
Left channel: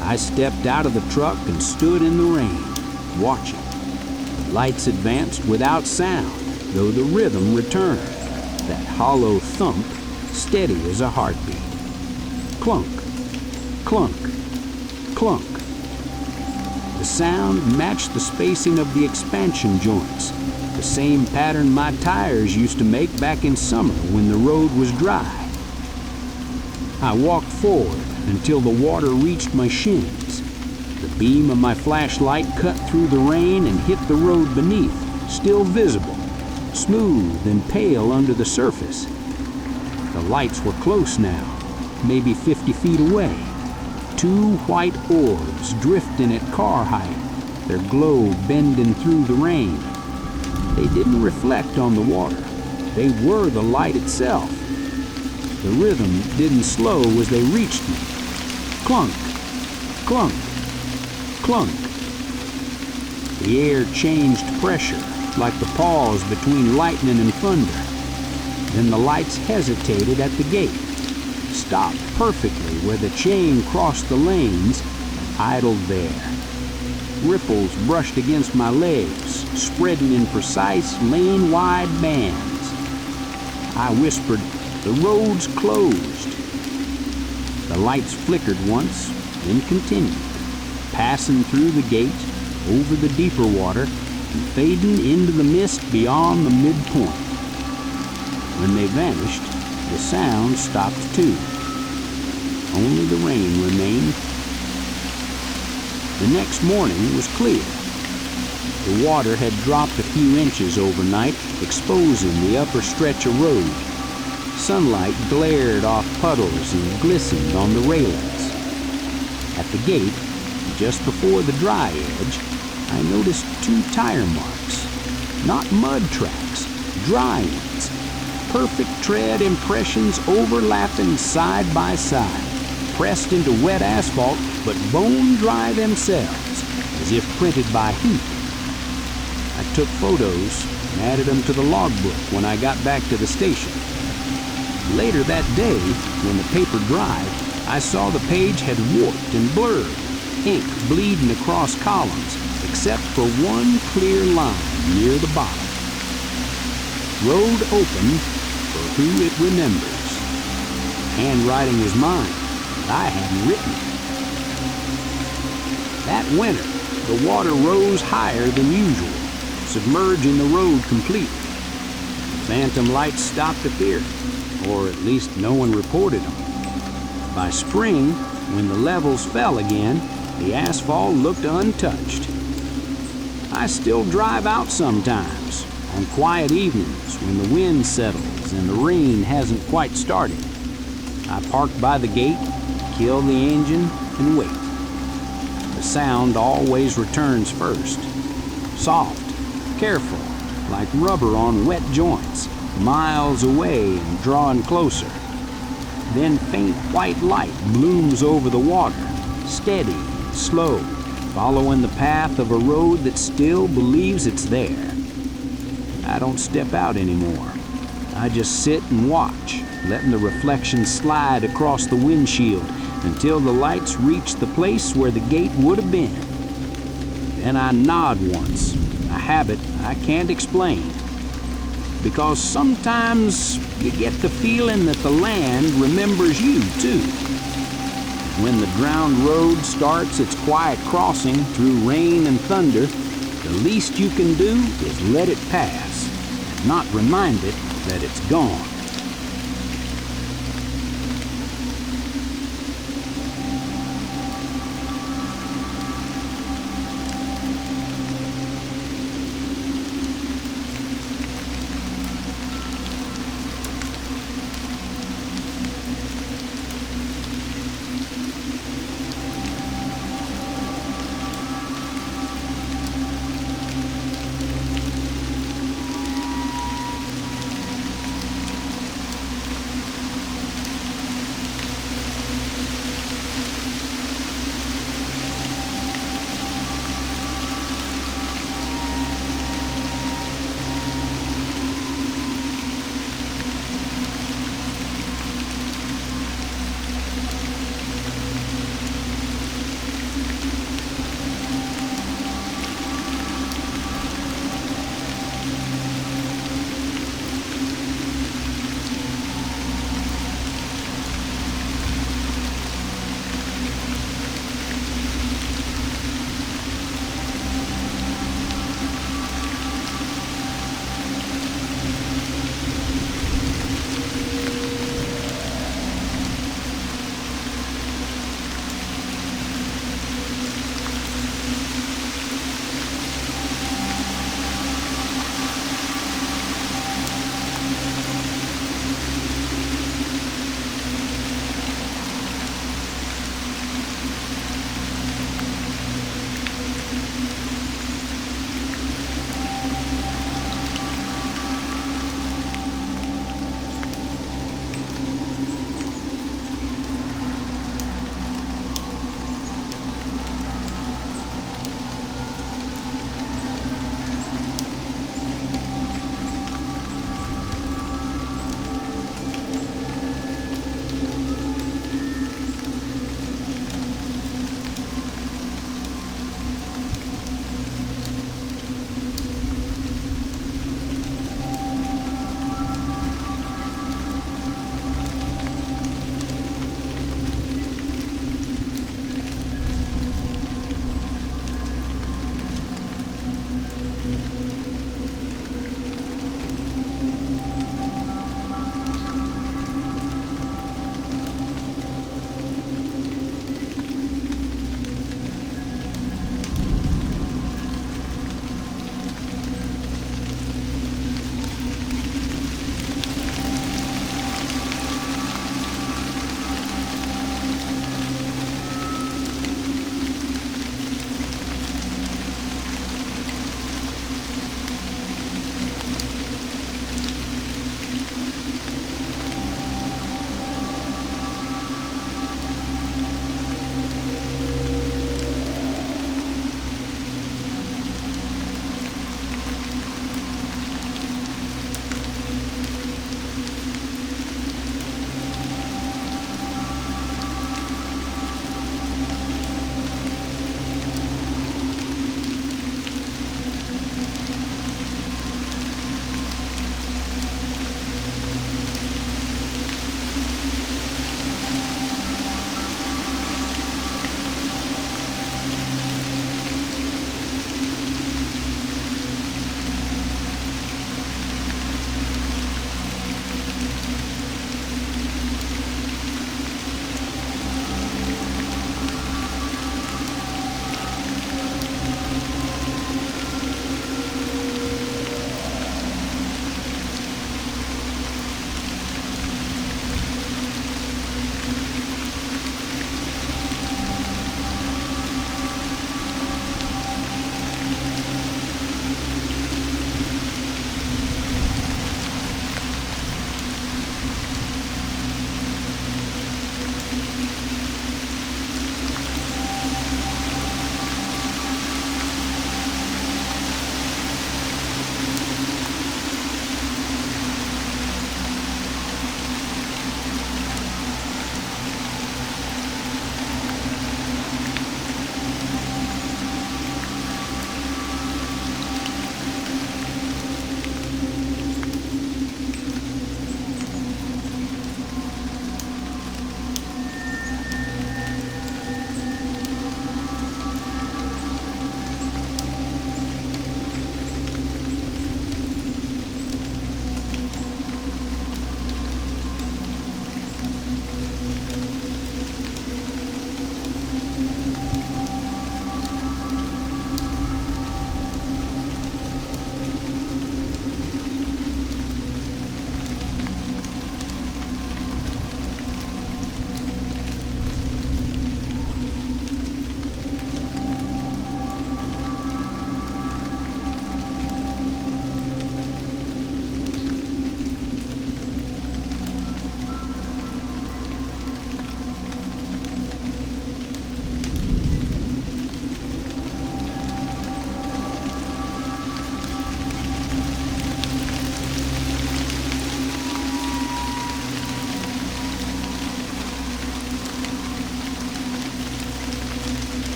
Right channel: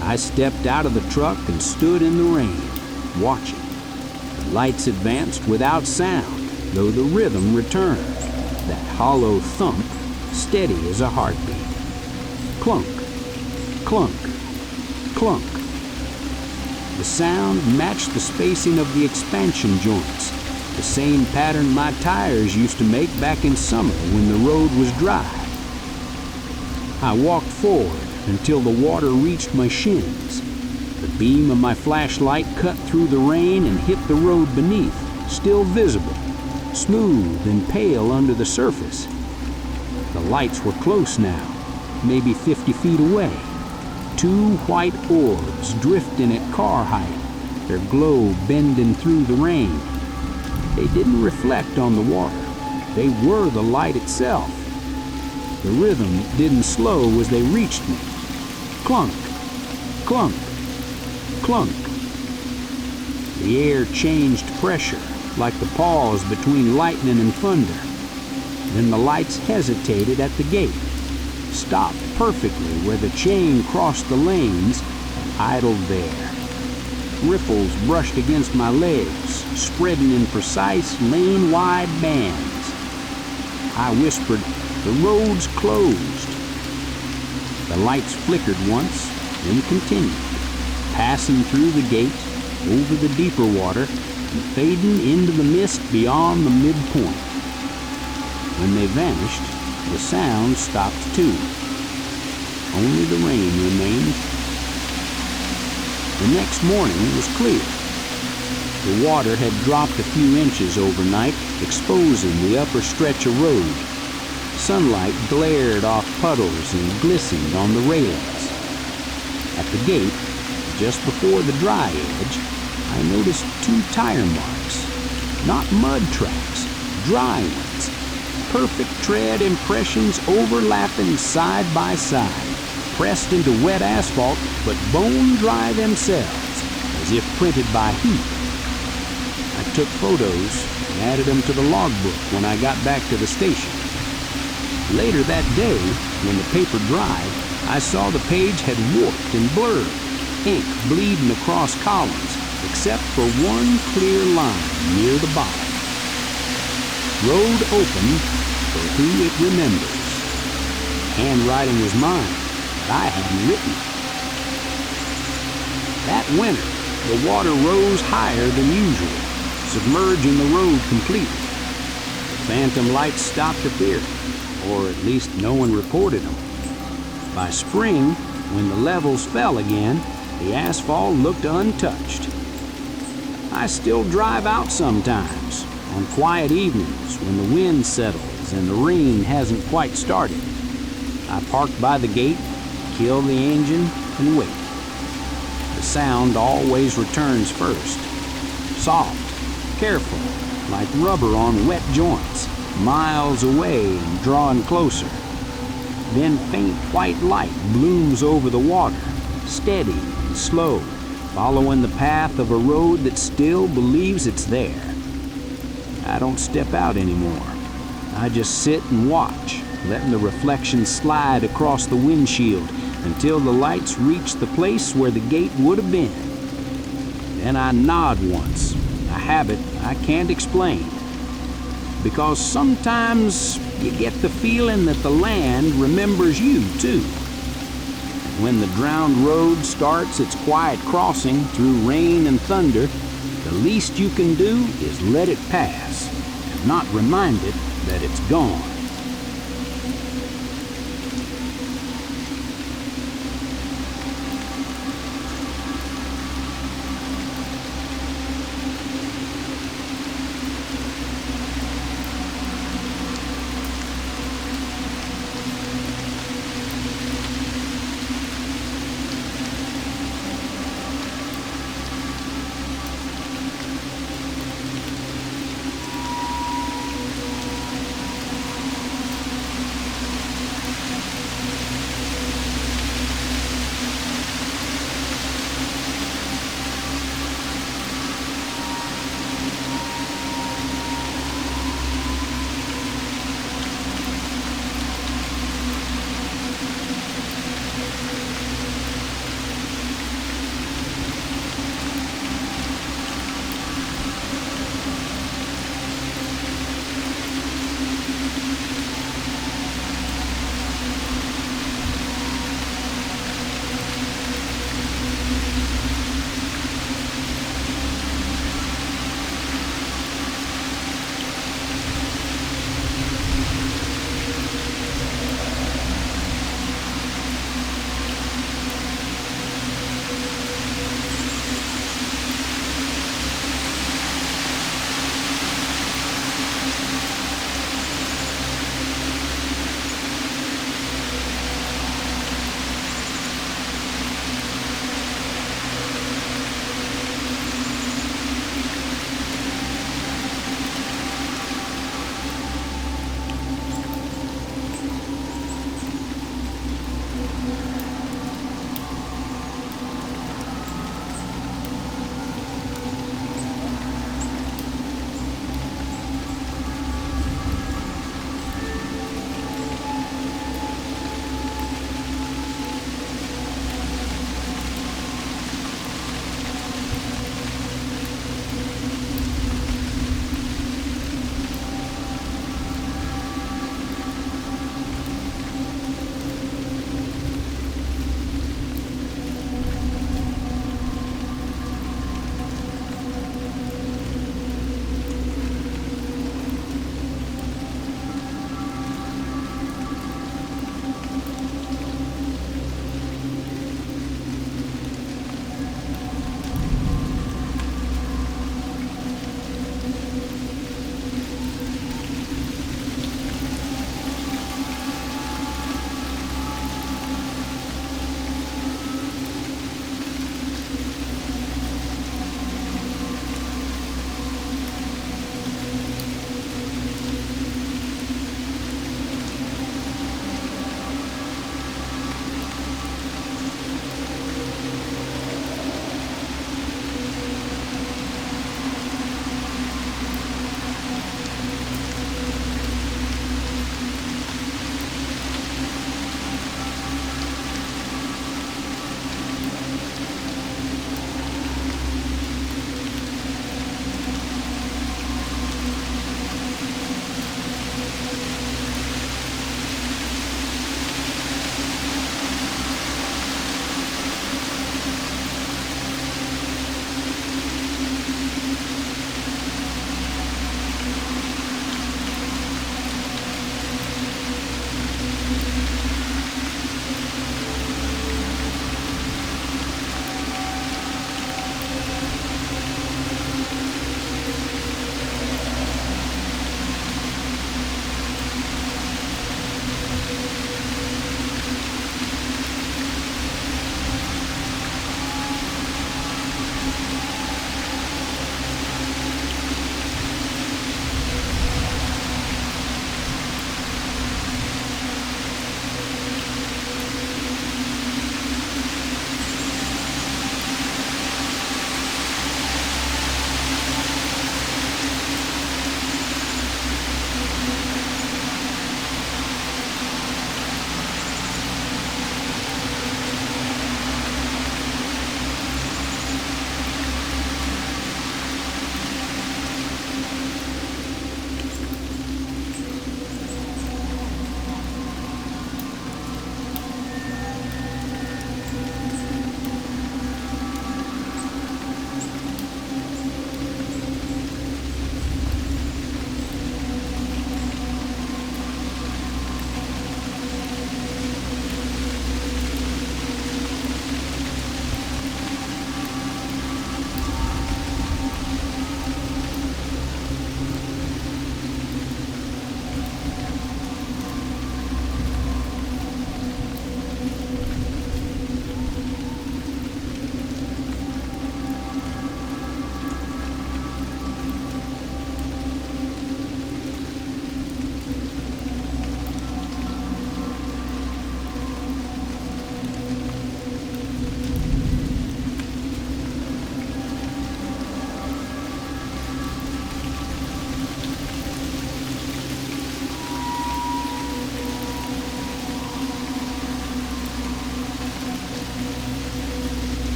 I stepped out of the truck and stood in the rain, watching. The lights advanced without sound, though the rhythm returned, that hollow thump, steady as a heartbeat. Clunk, clunk, clunk. The sound matched the spacing of the expansion joints, the same pattern my tires used to make back in summer when the road was dry. I walked forward until the water reached my shins. The beam of my flashlight cut through the rain and hit the road beneath, still visible, smooth and pale under the surface. The lights were close now, maybe 50 feet away. 2 white orbs drifting at car height, their glow bending through the rain. They didn't reflect on the water. They were the light itself. The rhythm didn't slow as they reached me. Clunk, clunk, clunk. The air changed pressure, like the pause between lightning and thunder. Then the lights hesitated at the gate. stopped perfectly where the chain crossed the lanes and idled there. Ripples brushed against my legs, spreading in precise lane-wide bands. I whispered, "The road's closed." The lights flickered once, then continued, passing through the gate, over the deeper water, and fading into the mist beyond the midpoint. When they vanished, the sound stopped too. Only the rain remained. The next morning was clear. The water had dropped a few inches overnight, exposing the upper stretch of road. Sunlight glared off puddles and glistened on the railings. At the gate, just before the dry edge, I noticed 2 tire marks. Not mud tracks, dry ones. Perfect tread impressions overlapping side by side, pressed into wet asphalt, but bone dry themselves, as if printed by heat. I took photos and added them to the logbook when I got back to the station. Later that day, when the paper dried, I saw the page had warped and blurred, ink bleeding across columns, except for one clear line near the bottom. Road open for who it remembers. Handwriting was mine, but I hadn't written it. That winter, the water rose higher than usual, submerging the road completely. The phantom lights stopped appearing, or at least no one reported them. By spring, when the levels fell again, the asphalt looked untouched. I still drive out sometimes, on quiet evenings when the wind settles and the rain hasn't quite started. I park by the gate, kill the engine, and wait. The sound always returns first. Soft, careful, like rubber on wet joints, miles away and drawing closer. Then faint white light blooms over the water, steady and slow, following the path of a road that still believes it's there. I don't step out anymore. I just sit and watch, letting the reflection slide across the windshield until the lights reach the place where the gate would have been. Then I nod once, a habit I can't explain. Because sometimes you get the feeling that the land remembers you too. When the drowned road starts its quiet crossing through rain and thunder, the least you can do is let it pass and not remind it that it's gone.